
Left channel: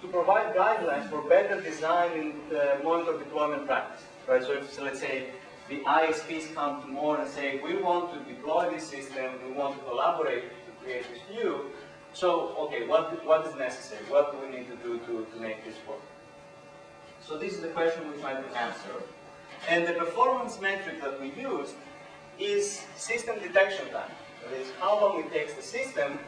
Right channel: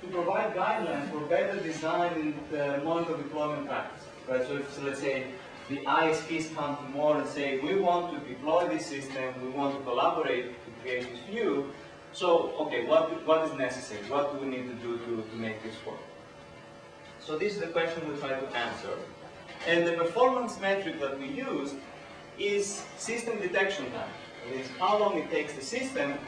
to provide guidelines for better design and monitor deployment practice. Right? So if, let's say, the ISPs come tomorrow and say, we want to deploy this system, we want to collaborate to create this view, so, okay, what is necessary? What do we need to do to make this work? So this is the question we try to answer. And the performance metric that we use is system detection time. That is how long it takes the system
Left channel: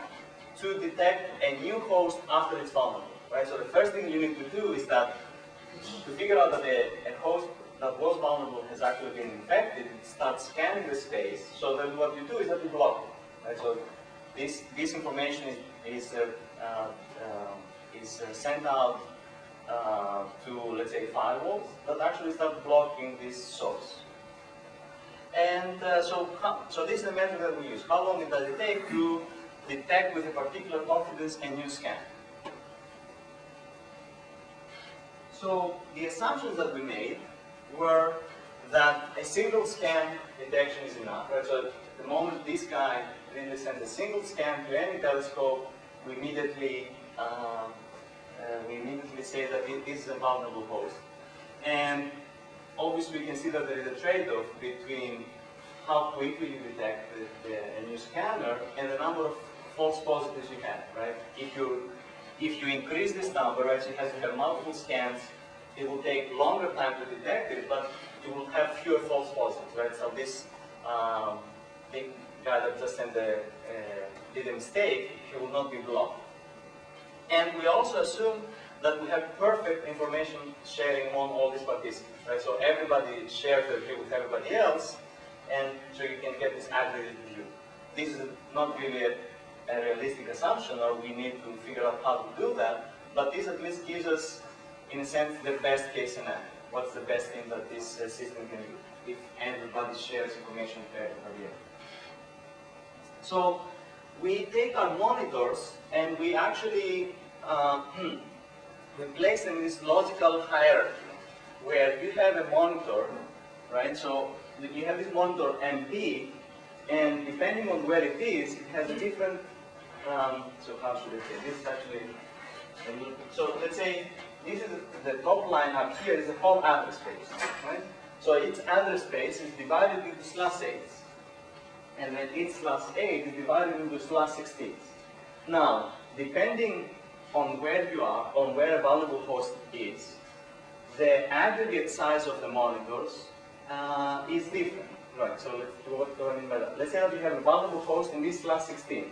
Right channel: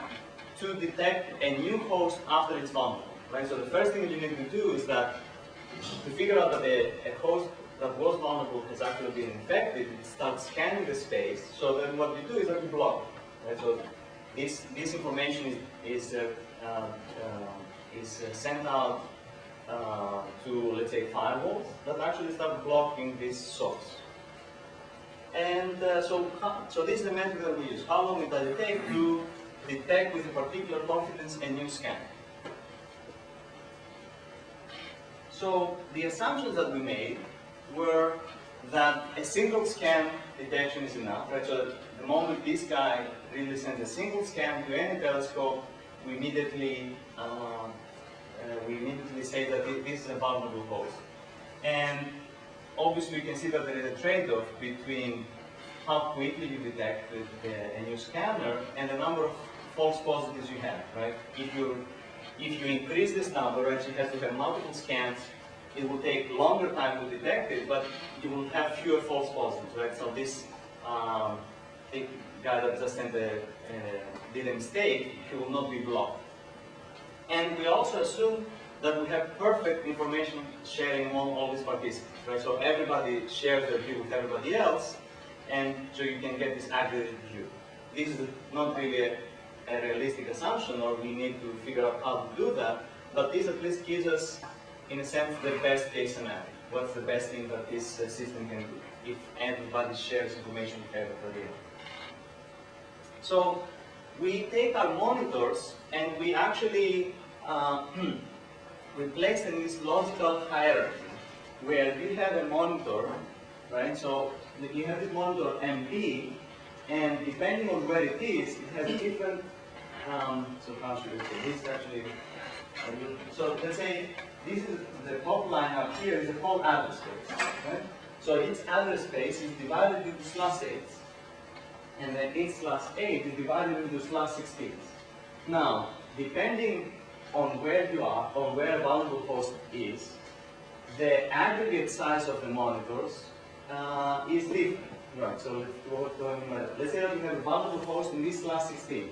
to detect a new host after it's vulnerable. Right? So the first thing you need to do is that to figure out that a host that was vulnerable has actually been infected, it starts scanning the space. So then what you do is that you block it. Right? So this information is sent out to, let's say, firewalls that actually start blocking this source. And so this is the method that we use. How long does it take to detect with a particular confidence a new scan? So the assumptions that we made were that a single scan detection is enough. Right? So the moment this guy really sends a single scan to any telescope, we immediately say that this is a vulnerable host. And obviously, you can see that there is a trade-off between how quickly you detect a new scanner and the number of false positives you have, right? If you increase this number, right, so you have to have multiple scans, it will take longer time to detect it, but you will have fewer false positives, right? So this big guy that just did a mistake, he will not be blocked. And we also assume that we have perfect information sharing among all these participants, right? So everybody shares their view with everybody else, and so you can get this aggregated view. This is not really a realistic assumption, or we need to figure out how to do that, but this at least gives us, in a sense, the best case scenario. What's the best thing that this system can do if everybody shares information with everybody else? So we take our monitors and we actually we place them in this logical hierarchy where you have a monitor, right? So you have this monitor MB, and depending on where it is, it has a different, so how should I say, this is actually, so let's say this is the top line up here is the whole address space, right? So each address space is divided into slash 8s, and then each slash 8 is divided into slash 16s. Now, depending on where you are, or where a valuable host is, the aggregate size of the monitors is different. Right, so what do I mean by that? Let's say that you have a valuable host in this slash 16.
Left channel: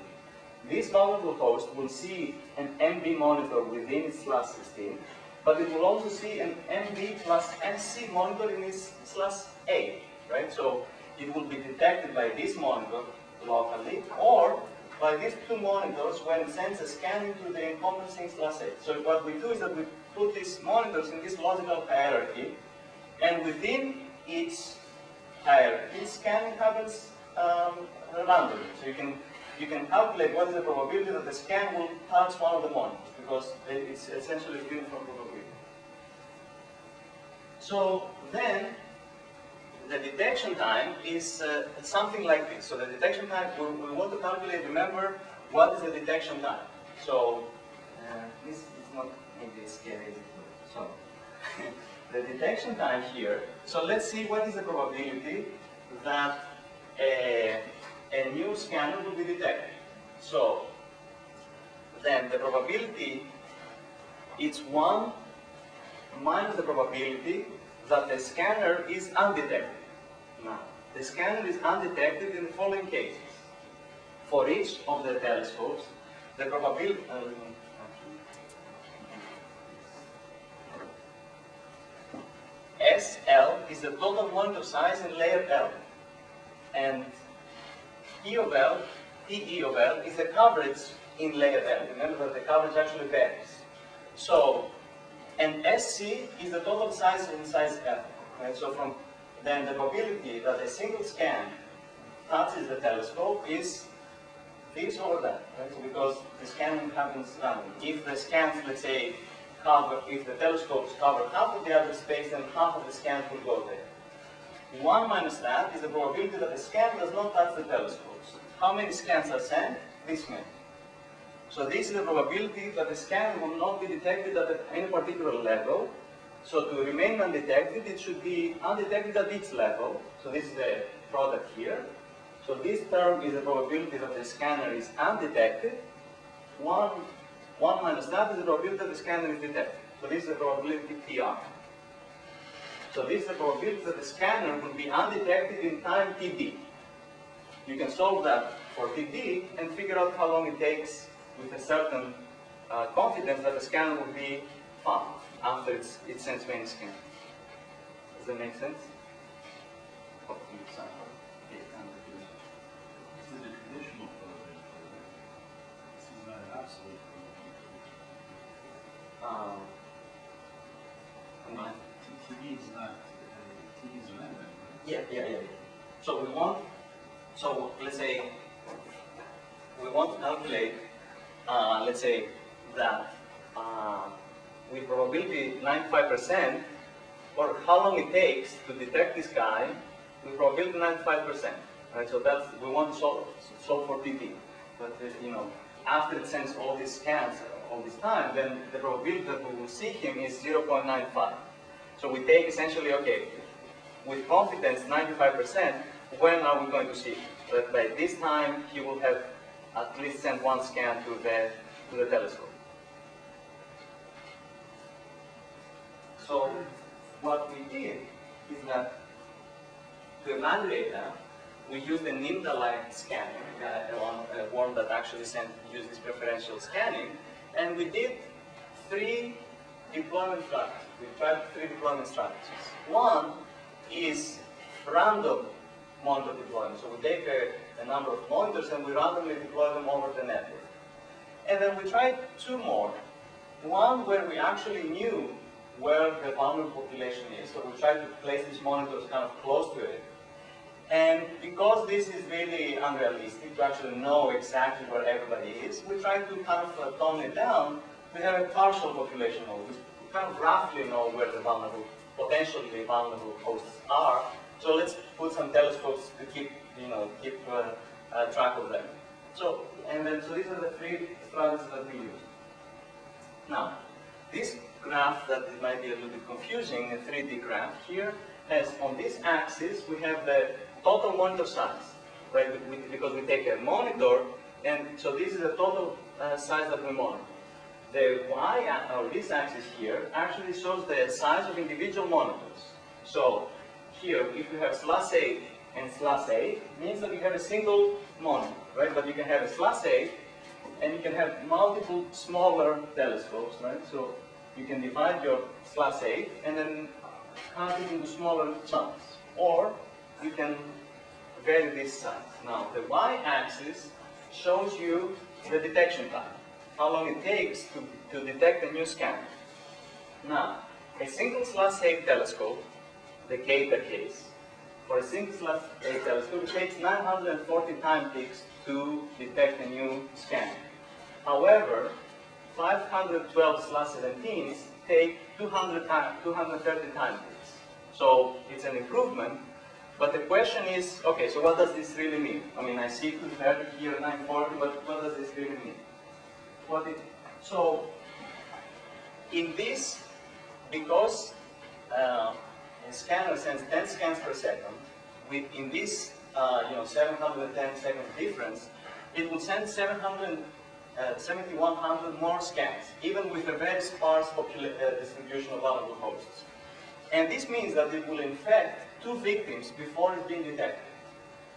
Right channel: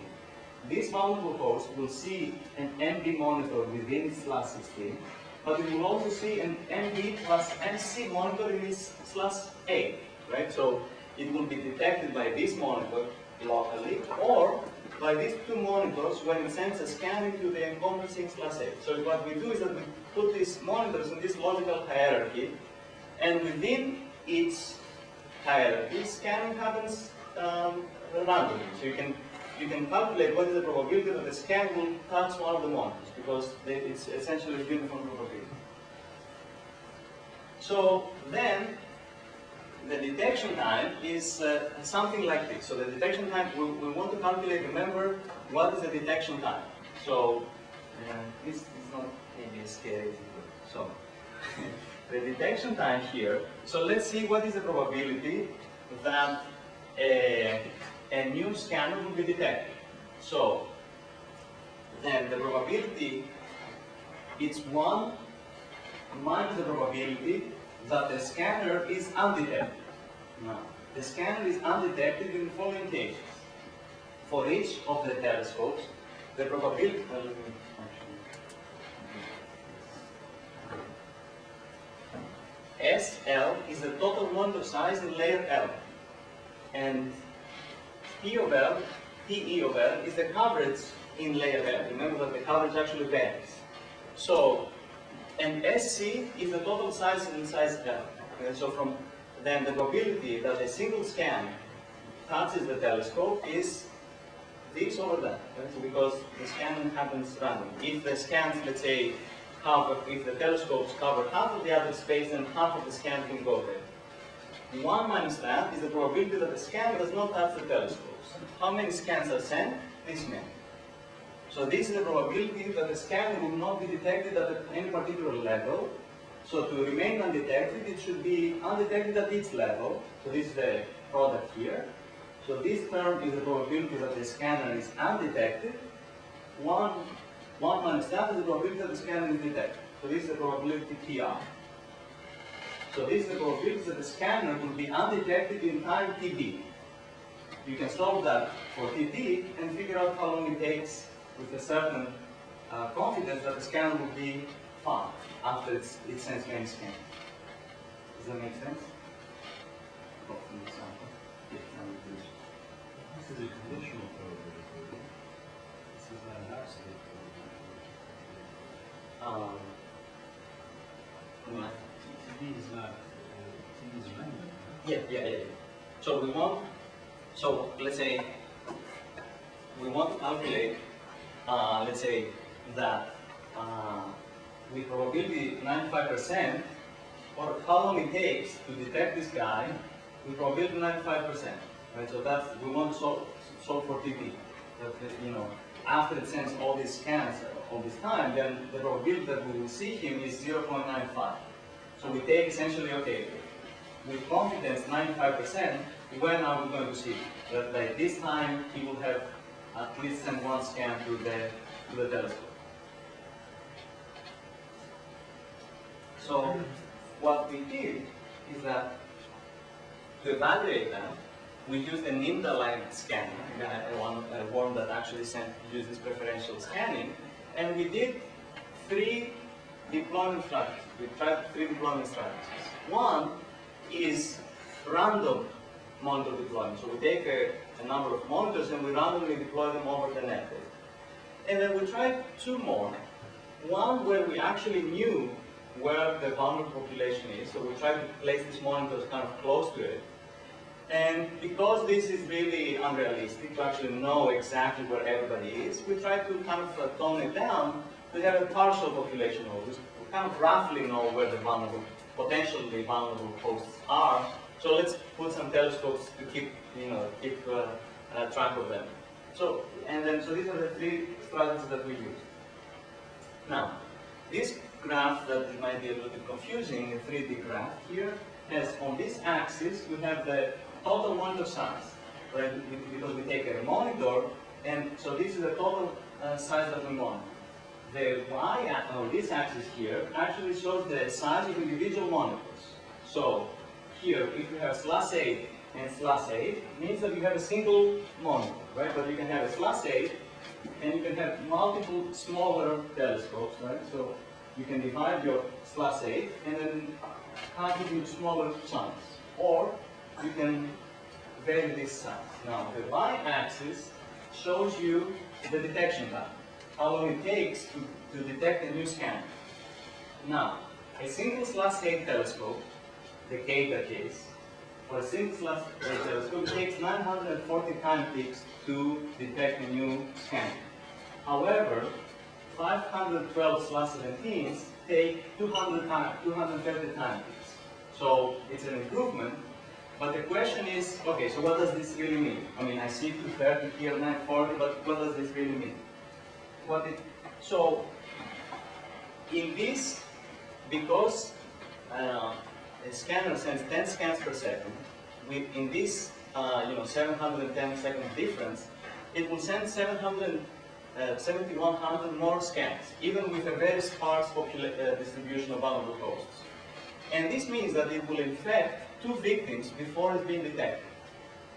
This valuable host will see an MB monitor within its slash 16, but it will also see an MB plus MC monitor in its slash 8, right? So it will be detected by this monitor locally, or by these two monitors when it sends a scan into the encompassing slash 8. So what we do is that we put these monitors in this logical hierarchy, and within each hierarchy, scanning happens randomly. So you can calculate what is the probability that the scan will touch one of the monitors, because it's essentially a uniform probability. So then, the detection time is something like this. So the detection time, we want to calculate, remember, what is the detection time? So this is not maybe scary. So the detection time here, so let's see what is the probability that a new scanner will be detected. So then the probability, it's 1 minus the probability that the scanner is undetected. Now, the scanner is undetected in the following cases. For each of the telescopes, the probability, SL is the total monitor size in layer L, and P of L, PE of L is the coverage in layer L. Remember that the coverage actually varies. So, and SC is the total size in size L. And so from then the probability that a single scan touches the telescope is this or that. Right? So because the scanning happens randomly. If the scans, let's say, if the telescopes cover half of the other space, then half of the scans will go there. 1 minus that is the probability that the scan does not touch the telescopes. How many scans are sent? This many. So this is the probability that the scan will not be detected at any particular level. So to remain undetected, it should be undetected at each level. So this is the product here. So this term is the probability that the scanner is undetected. 1 minus that is the probability that the scanner is detected. So this is the probability PR. So this is the probability that the scanner will be undetected in time TD. You can solve that for TD and figure out how long it takes with a certain confidence that the scanner will be found after it sends many scans. Does that make sense? Hopkins example. This is a conditional probability, right? This is not an absolute probability. TD is not, TD is random. Right? Yeah. So we want, so let's say, we want to calculate, let's say that with probability 95%, or how long it takes to detect this guy with probability 95%. Right? So that's, we want to solve for TD. That, you know, after it sends all these scans all this time, then the probability that we will see him is 0.95. So we take essentially, okay, with confidence 95%, when are we going to see him? That by this time he will have at least sent one scan to the telescope. So what we did is that to evaluate that, we used an IndaLine scanner, a worm that actually uses preferential scanning, and we did 3 deployment strategies. We tried 3 deployment strategies. One is random monitor deployment. So we take a number of monitors and we randomly deploy them over the network. And then we tried 2 more. One where we actually knew where the vulnerable population is. So we tried to place these monitors kind of close to it. And because this is really unrealistic to actually know exactly where everybody is, we try to kind of tone it down to have a partial population node. We kind of roughly know where the vulnerable, potentially vulnerable hosts are. So let's put some telescopes to keep track of them. So these are the three strategies that we use. Now, this graph that it might be a little bit confusing, a 3D graph here, has on this axis we have the total monitor size, right? Because we take a monitor, and so this is the total size that we monitor. The y, or this axis here, actually shows the size of individual monitors. So here, if you have /8 and /8, means that you have a single monitor, right? But you can have a /8, and you can have multiple smaller telescopes, right? So you can divide your /8 and then cut it into smaller chunks. Or you can vary this size. Now, the y-axis shows you the detection time, how long it takes to detect a new scan. Now, a single /8 telescope, the Kepler case, for a single /8 telescope, it takes 940 time ticks to detect a new scan. However, 512 /17s take 230 time ticks. So it's an improvement, but the question is, okay, so what does this really mean? I mean, I see 230 here, 940, but what does this really mean? So in this, because a scanner sends 10 scans per second, in this 710 second difference, it will send 7,100 more scans, even with a very sparse distribution of vulnerable hosts. And this means that it will infect 2 victims before it's being detected.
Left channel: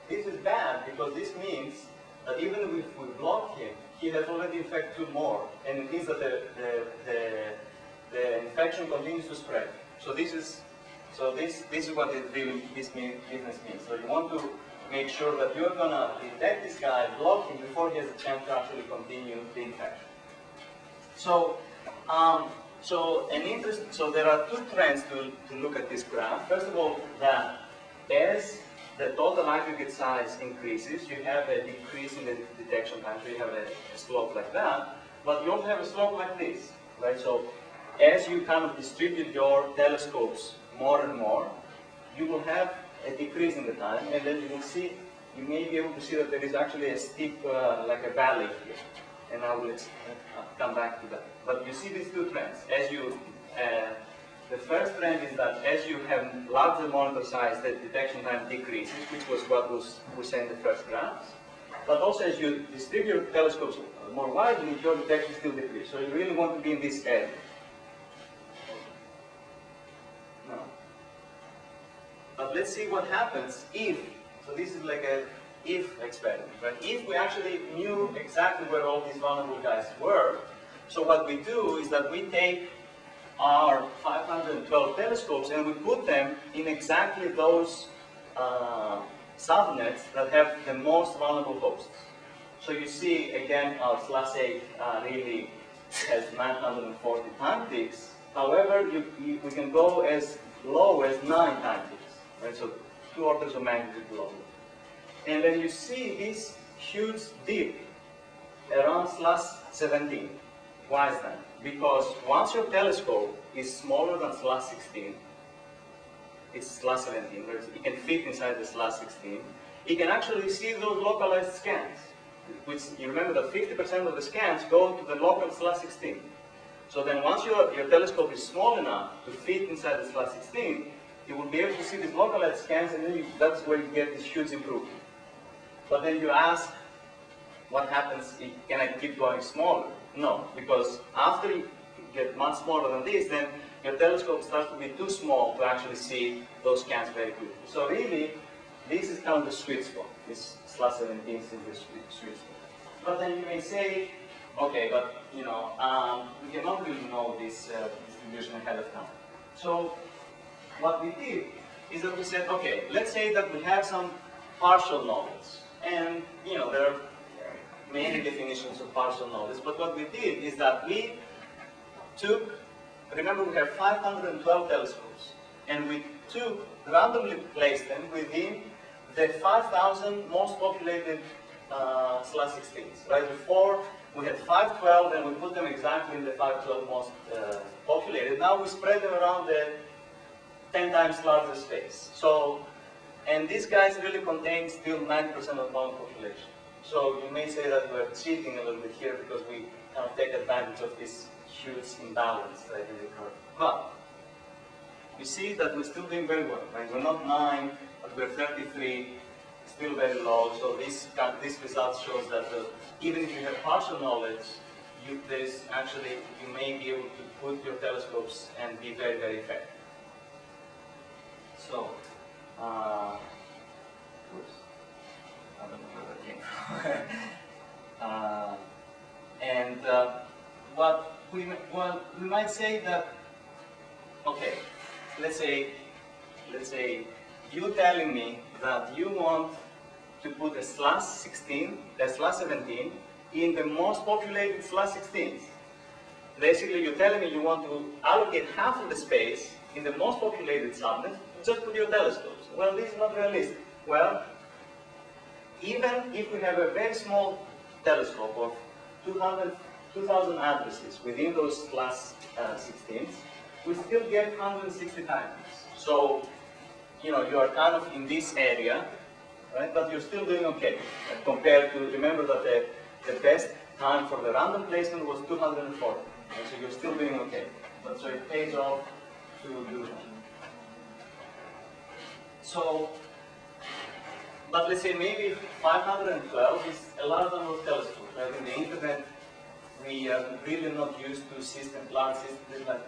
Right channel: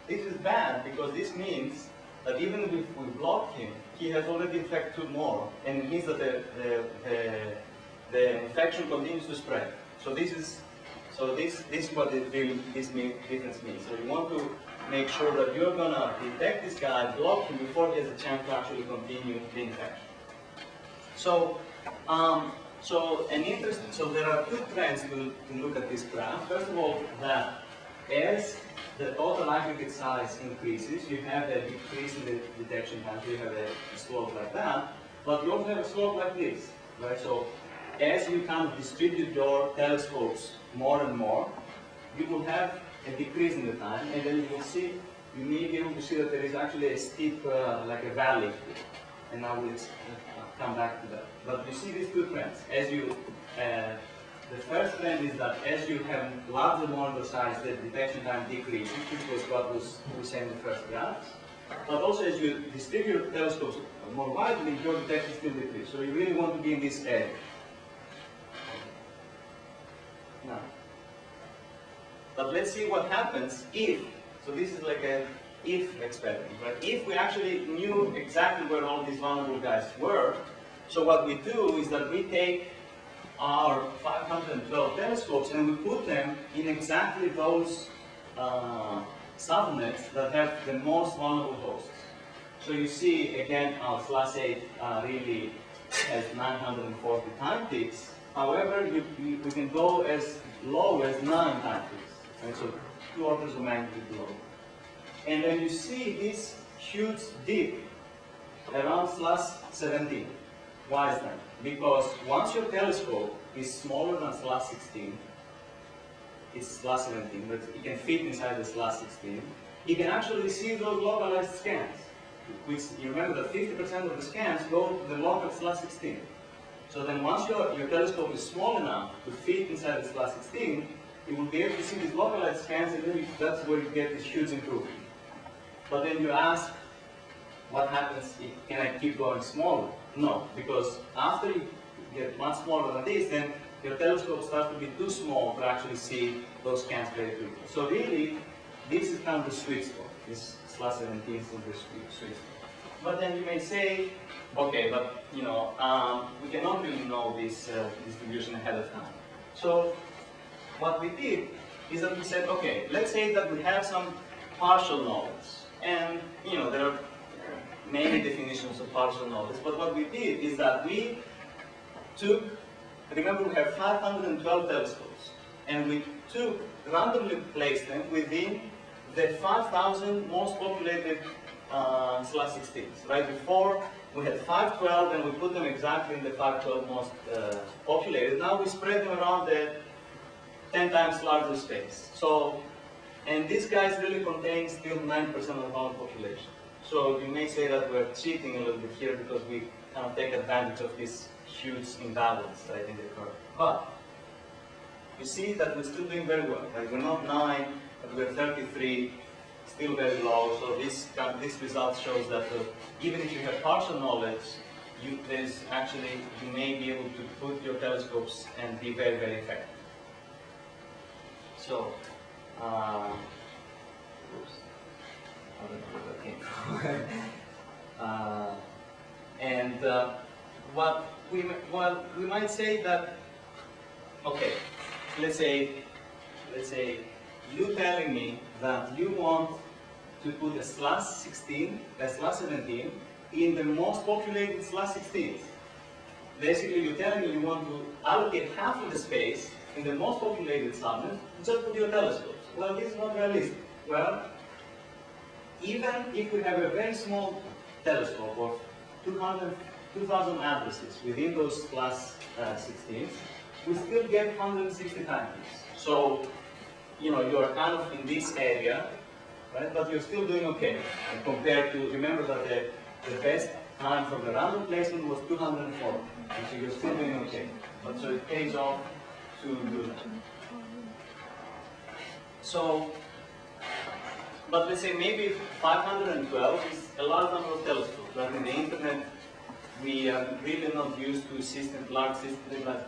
This is bad because this means that even if we block him, he has already infected 2 more, and it means that the infection continues to spread. So this is what this difference means. So you want to make sure that you're going to detect this guy, block him before he has a chance to actually continue the infection. So there are 2 trends to look at this graph. First of all, that as the total aggregate size increases, you have a decrease in the detection time. So you have a slope like that, but you also have a slope like this, right? So as you kind of distribute your telescopes more and more, you will have a decrease in the time, and then you may be able to see that there is actually a steep, like a valley here. And I will come back to that. But you see these 2 trends. The first trend is that as you have larger monitor size, the detection time decreases, which was what we said in the first graphs. But also as you distribute telescopes more widely, your detection still decreases. So you really want to be in this area. Now, but let's see what happens if, so this is like a if experiment, right? If we actually knew exactly where all these vulnerable guys were, so what we do is that we take our 512 telescopes and we put them in exactly those subnets that have the most vulnerable hosts. So you see, again, our /8 really has 940 time ticks. However, we can go as low as 9 time ticks, right? So 2 orders of magnitude lower. And then you see this huge dip around /17. Why is that? Because once your telescope is smaller than /16, it's /17, right? It can fit inside the /16. It can actually see those localized scans, which you remember that 50% of the scans go to the local /16. So then once your telescope is small enough to fit inside the /16, you will be able to see these localized scans, and then that's where you get this huge improvement. But then you ask, what happens if, can I keep going smaller? No, because after you get much smaller than this, then your telescope starts to be too small to actually see those scans very quickly. So really, this is kind of the sweet spot. This /17 is the sweet spot. But then you may say, okay, but we cannot really know this distribution ahead of time. So what we did is that we said, okay, let's say that we have some partial knowledge. And there are many definitions of partial knowledge, but what we did is that we took, remember we have 512 telescopes, and we randomly placed them within the 5,000 most populated /16s. Right before we had 512, and we put them exactly in the 512 most populated. Now we spread them around the 10 times larger space. So, and these guys really contain still 9% of the whole population. So you may say that we're cheating a little bit here because we kind of take advantage of this huge imbalance right in the curve. But you see that we're still doing very well. Right? We're not 9, but we're 33, still very low. So this result shows that even if you have partial knowledge, you may be able to put your telescopes and be very, very effective. So, oops, I don't know where that came from. What we might say that, okay, let's say you telling me that you want to put a /16, a /17 in the most populated /16s. Basically, you're telling me you want to allocate half of the space in the most populated subnets just with your telescopes. Well, this is not realistic. Well, even if we have a very small telescope of 2,000 addresses within those /16s, we still get 160 times this. So, you know, you're kind of in this area, right? But you're still doing okay compared to, remember that the best time for the random placement was 240. And so you're still doing okay. But so it pays off to do that. So, but let's say maybe 512 is a large number of telescopes. Right? In the internet, we are really not used to large systems, like,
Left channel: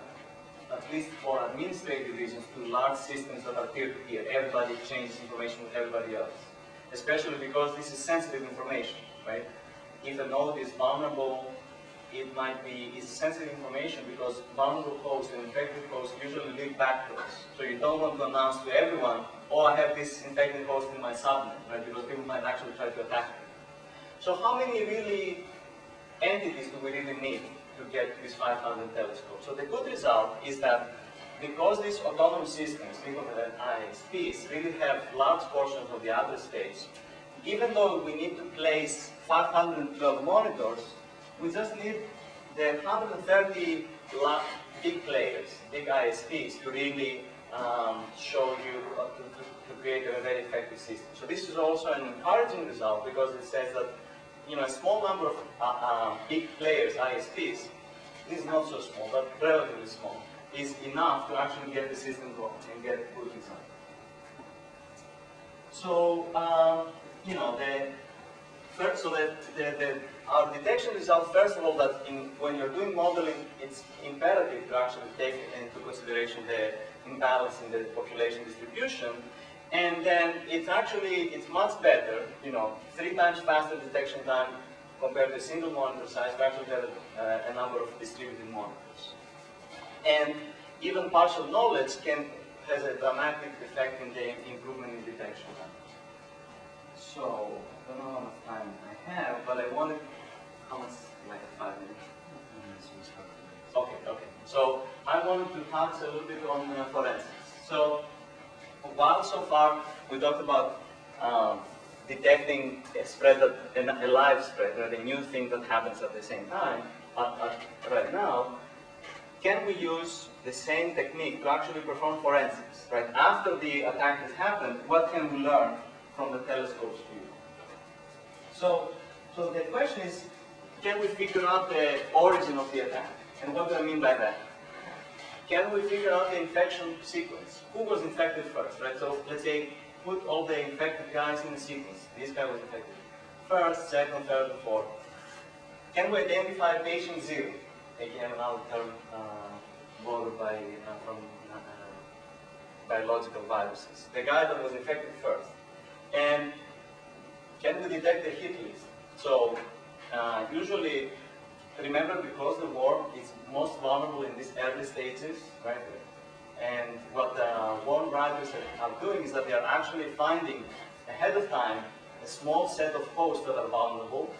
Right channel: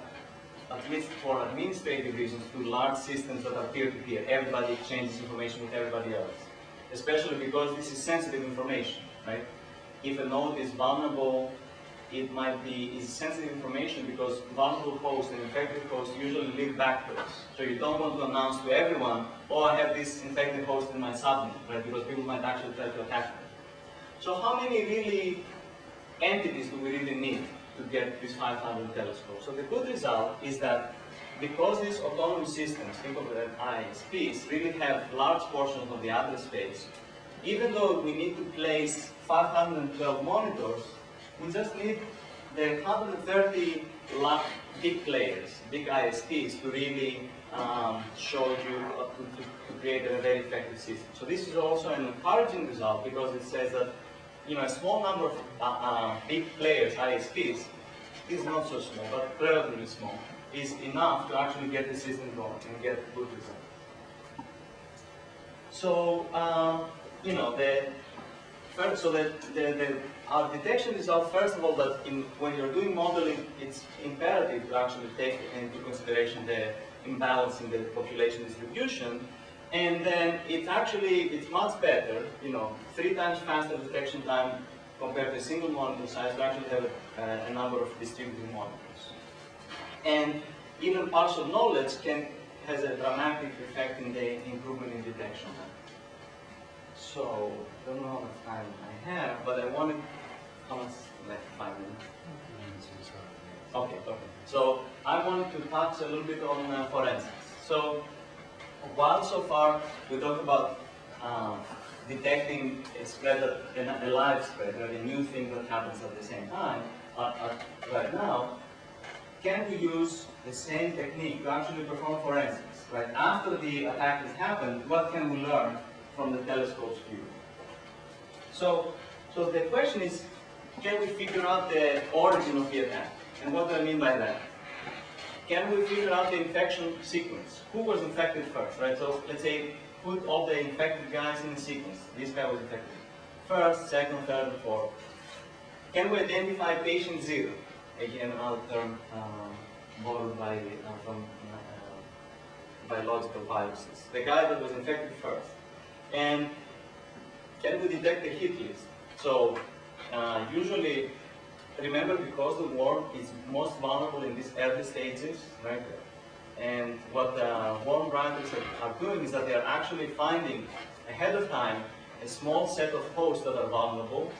at least for administrative reasons, to large systems that are peer-to-peer. Everybody exchanges information with everybody else. Especially because this is sensitive information, right? If a node is vulnerable, it might be sensitive information because vulnerable hosts and infected hosts usually live backwards. So you don't want to announce to everyone, oh, I have this infected host in my subnet, right? Because people might actually try to attack them. So how many really entities do we really need to get these 500 telescopes? So the good result is that because these autonomous systems, think of it as ISPs, really have large portions of the address space, even though we need to place 512 monitors, we just need the 130 big players, big ISPs, to really show you, to create a very effective system. So this is also an encouraging result because it says that, you know, a small number of big players, ISPs, is not so small, but relatively small, is enough to actually get the system going and get good results. So, you know, our detection result, first of all, that when you're doing modeling, it's imperative to actually take into consideration the imbalance in the population distribution. And then it's much better, you know, 3 times faster detection time compared to a single monitor size. We actually have a number of distributed monitors. And even partial knowledge has a dramatic effect in the improvement in detection time. So, I don't know how much time I have, but I wanted, how much, like 5 minutes? Okay. So, I wanted to touch a little bit on forensics. So, while so far we talked about detecting a spread, a live spread, right, a new thing that happens at the same time, right now, can we use the same technique to actually perform forensics? Right? After the attack has happened, what can we learn from the telescope's view? So the question is, can we figure out the origin of the attack? And what do I mean by that? Can we figure out the infection sequence? Who was infected first, right? So let's say, put all the infected guys in a sequence. This guy was infected first, second, third, and fourth. Can we identify patient 0? Again, another term borrowed from biological viruses. The guy that was infected first. And can we detect the hit list? So usually, remember, because the worm is most vulnerable in these early stages, right? And what the worm writers are doing is that they are actually finding ahead of time a small set of hosts that are vulnerable,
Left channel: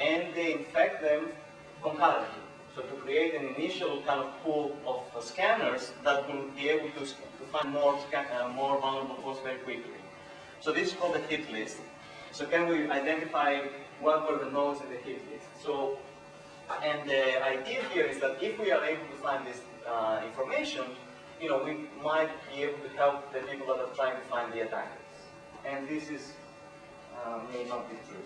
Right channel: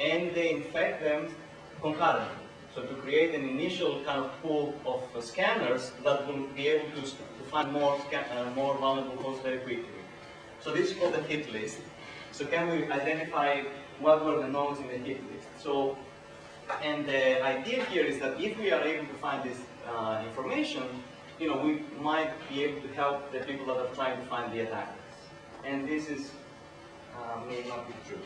and they infect them concurrently. So to create an initial kind of pool of scanners that will be able to find more vulnerable hosts very quickly. So this is called the hit list. So can we identify what were the nodes in the hit list? So, and the idea here is that if we are able to find this information, we might be able to help the people that are trying to find the attackers. And this is may not be true.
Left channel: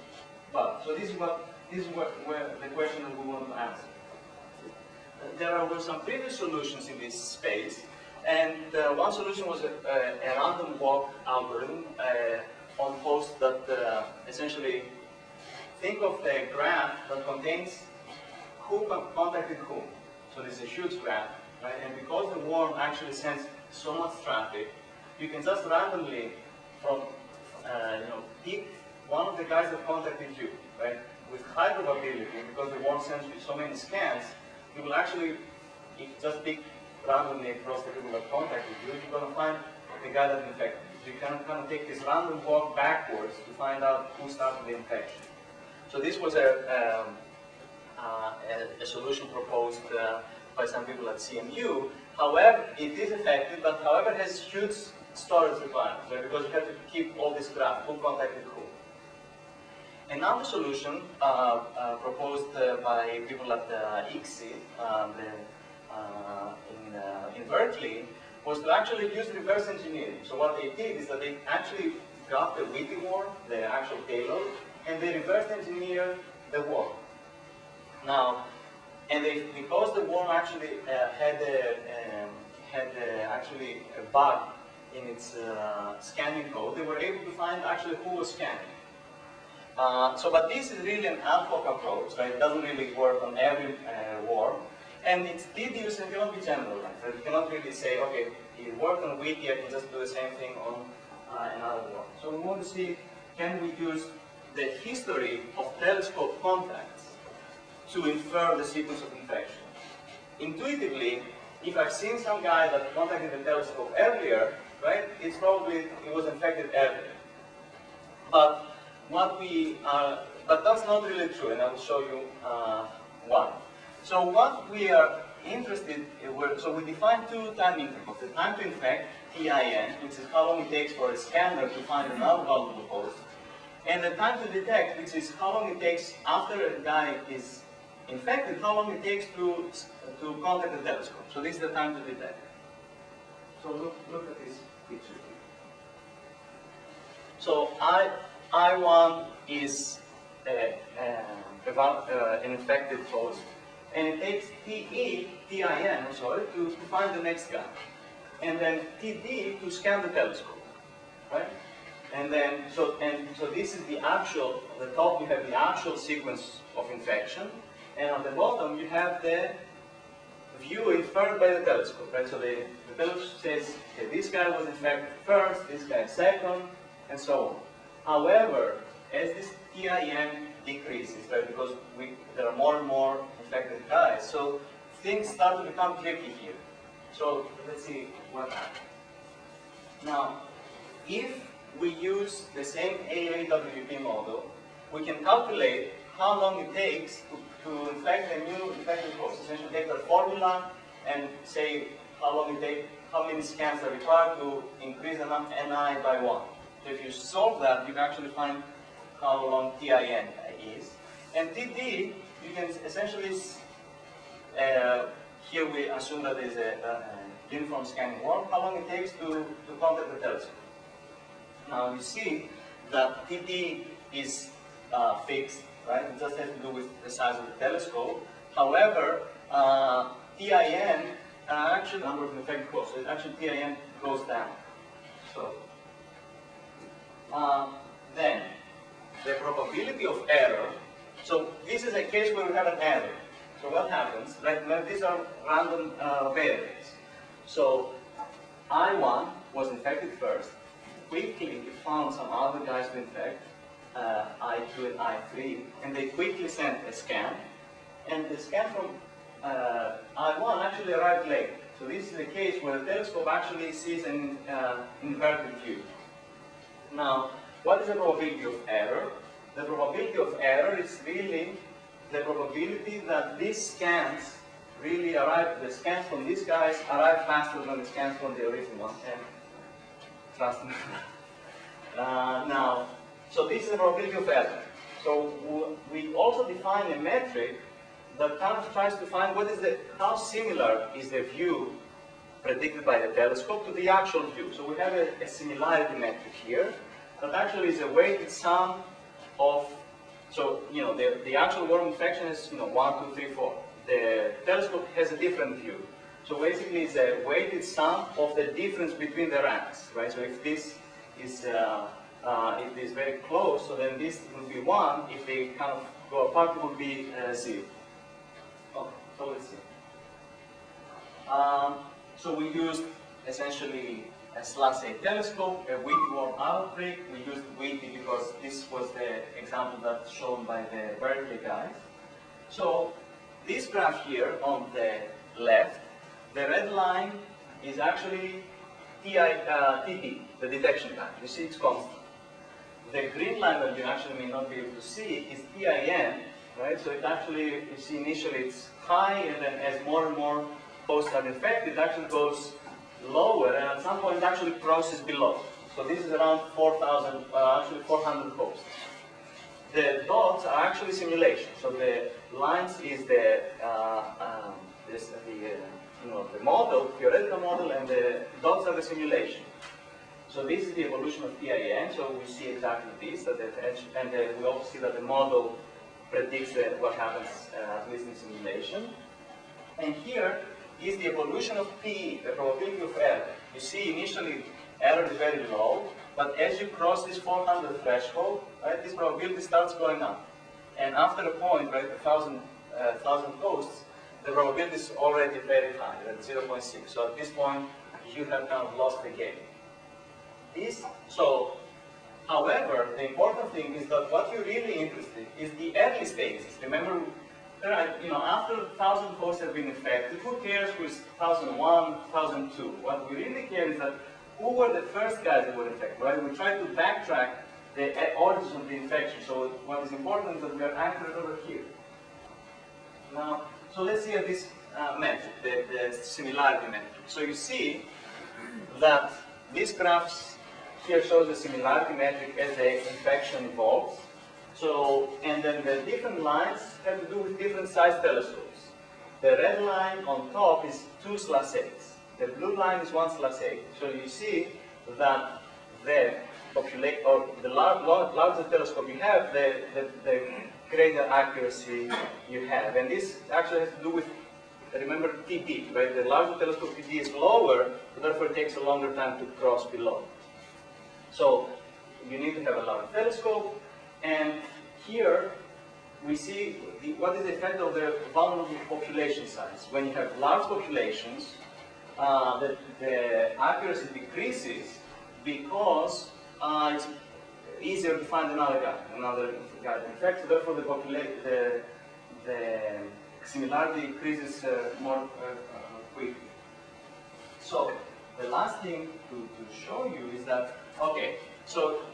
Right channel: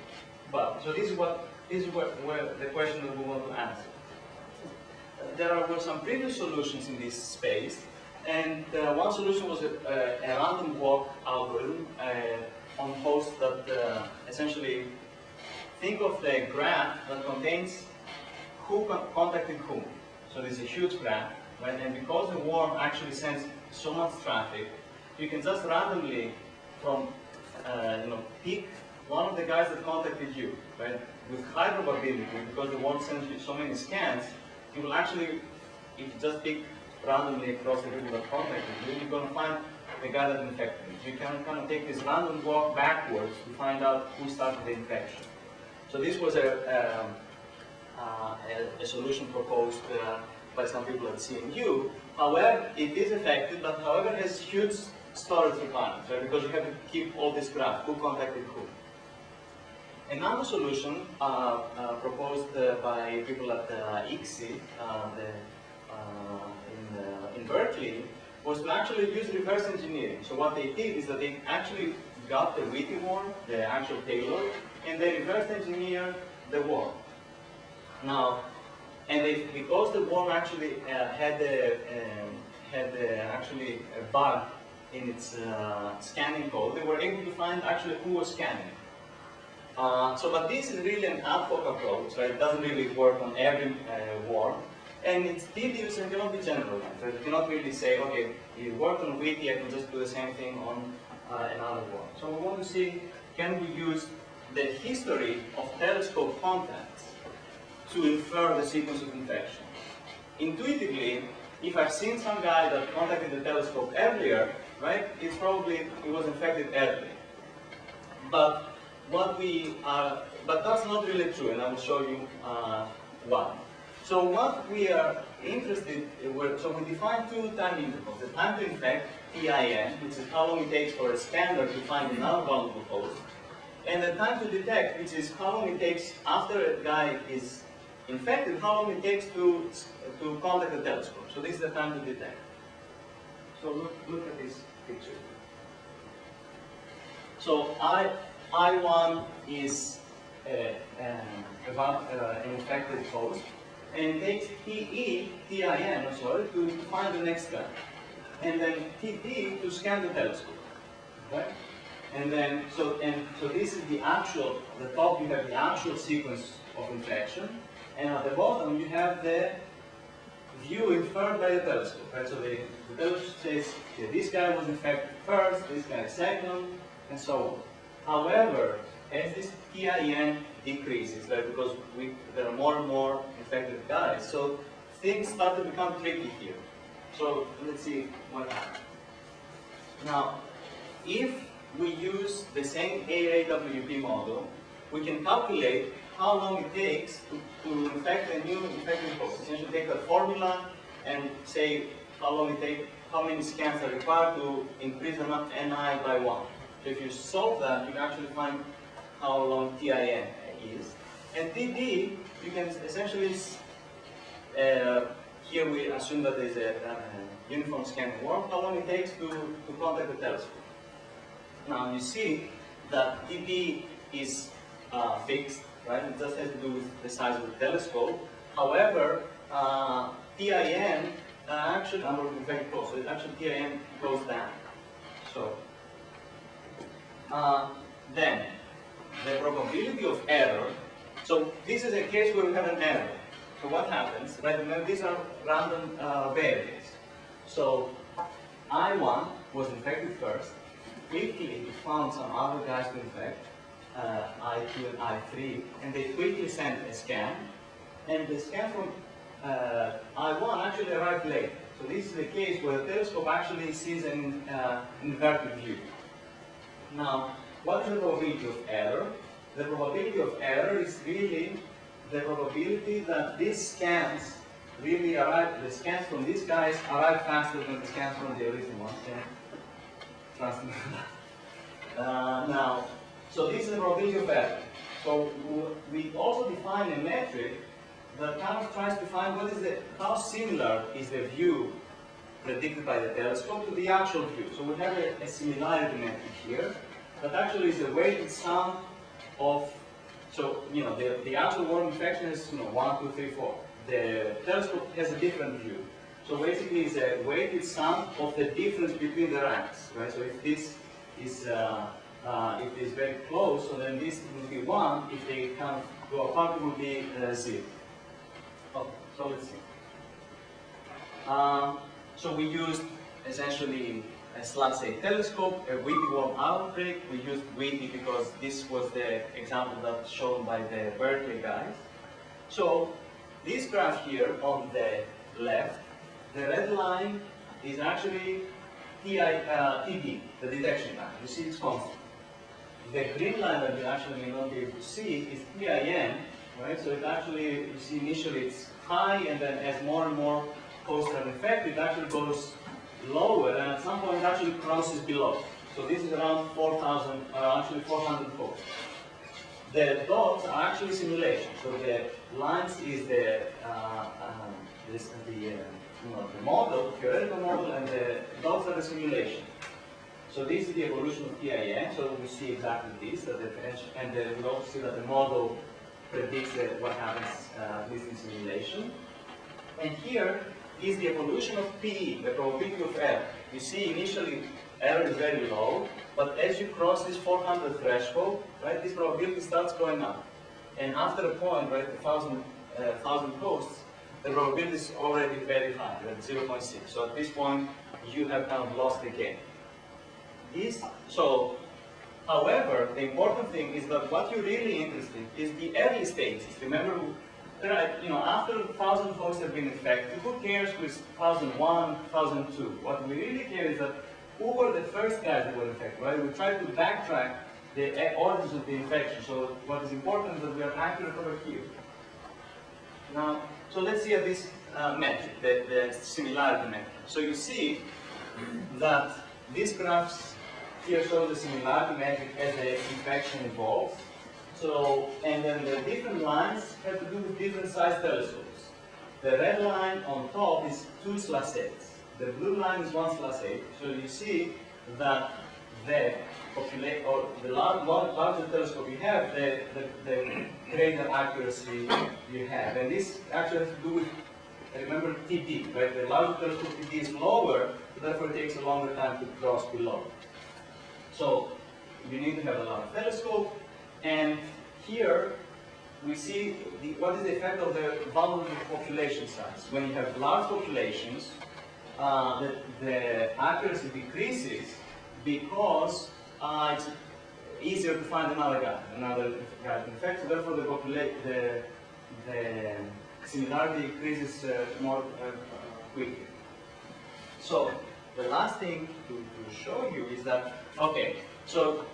But so this is where the question that we want to answer. There were some previous solutions in this space, and one solution was a random walk algorithm on hosts that essentially think of the graph that contains who contacted whom. So this is a huge graph, right? And because the worm actually sends so much traffic, you can just randomly from pick one of the guys that contacted you, right? With high probability, because the worm sends you so many scans, you will actually, if you just pick randomly across the people that contacted you, you're going to find the guy that infected you. So you can kind of take this random walk backwards to find out who started the infection. So this was a solution proposed by some people at CMU. However, it is effective, but however has huge storage requirements, right? Because you have to keep all this graph, who contacted who. Another solution proposed by people at ICSI in Berkeley was to actually use reverse engineering. So what they did is that they actually got the witty worm, the actual payload, and they reverse engineered the worm. Now, because the worm actually had actually a bug in its scanning code, they were able to find actually who was scanning. But this is really an ad hoc approach, right? It doesn't really work on every worm, and it's tedious and cannot be generalized. Right? You cannot really say, okay, it worked on witty, I can just do the same thing on another worm. So we want to see, can we use the history of telescope contacts to infer the sequence of infection? Intuitively, if I've seen some guy that contacted the telescope earlier, right, it's probably it was infected earlier. But that's not really true, and I will show you why. So what we are interested in, so we define two time intervals: the time to infect, TIN, which is how long it takes for a scanner to find another valuable host, and the time to detect, which is how long it takes after a guy is infected, how long it takes to contact the telescope. So this is the time to detect. So look at this picture here. So I1 is an infected host, and it takes TIN, to find the next guy, and then TD to scan the telescope, right? And then so this is the actual. At the top you have the actual sequence of infection, and at the bottom you have the view inferred by the telescope, right? So the telescope says, okay, this guy was infected first, this guy second, and so on. However, as this TIN decreases, right, because there are more and more infected guys, so things start to become tricky here. So let's see what happens. Now, if we use the same AAWP model, we can calculate how long it takes to infect a new infected host. Essentially take a formula and say how long it takes, how many scans are required to increase enough NI by 1. So if you solve that, you can actually find how long TIN is. And TD, you can essentially, here we assume that there's a uniform scanning worm, how long it takes to contact the telescope. Now you see that TD is fixed, right? It just has to do with the size of the telescope. However, TIN, actually number of infected hosts, so actually TIN goes down. So, then, the probability of error, so this is a case where we have an error. So what happens, right, now these are random variables. So, I1 was infected first, quickly found some other guys to infect, I2 and I3, and they quickly sent a scan, and the scan from I1 actually arrived late. So this is a case where the telescope actually sees an inverted view. Now, what is the probability of error? The probability of error is really the probability that these scans really arrive, the scans from these guys arrive faster than the scans from the original one, and trust me, Now, so this is the probability of error. So we also define a metric that kind of tries to find how similar is the view predicted by the telescope to the actual view. So we have a similarity metric here that actually is a weighted sum of, so the actual worm infection is 1, 2, 3, 4. The telescope has a different view. So basically it's a weighted sum of the difference between the ranks, right? So if this is very close, so then this will be 1. If they kind of go apart, it will be 0. Okay, so let's see. So we used essentially a /8 telescope, a Whitty worm outbreak. We used Whitty because this was the example that's shown by the Berkeley guys. So this graph here on the left, the red line is actually TD, the detection time. You see it's constant. The green line that you actually may not be able to see is TIN, right? So it actually, you see initially it's high, and then as more and more posts are infected, it actually goes lower, and at some point it actually crosses below. So this is around 4,000, actually 400 posts. The dots are actually simulation. So the lines is the model, theoretical model, and the dots are the simulation. So this is the evolution of TIN. So we see exactly this, and we also see that the model predicts what happens at least in simulation. And here is the evolution of PE, the probability of error. You see initially error is very low, but as you cross this 400 threshold, right, this probability starts going up. And after a point, right, 1,000 posts, the probability is already very high, right, 0.6. So at this point, you have kind of lost the game. However, the important thing is that what you're really interested in is the early stages. Remember, right, after 1,000 hosts have been infected, who cares with 1,001, 1,002? What we really care is that who were the first guys that were infected, right? We try to backtrack the origins of the infection. So what is important is that we are accurate over here. Now, so let's see this metric, the similarity metric. So you see that these graphs here shows the similarity metric as the infection evolves. So, and then the different lines have to do with different size telescopes. The red line on top is 2/8. The blue line is 1/8. So you see that the larger telescope you have, the greater accuracy you have. And this actually has to do with, remember, TD, right? The larger telescope TD is lower, so therefore it takes a longer time to cross below. So you need to have a large telescope, and here we see what is the effect of the vulnerable population size. When you have large populations, the accuracy decreases because it's easier to find another guy to infect. So therefore, the similarity increases more quickly. So the last thing to show you is that, okay, so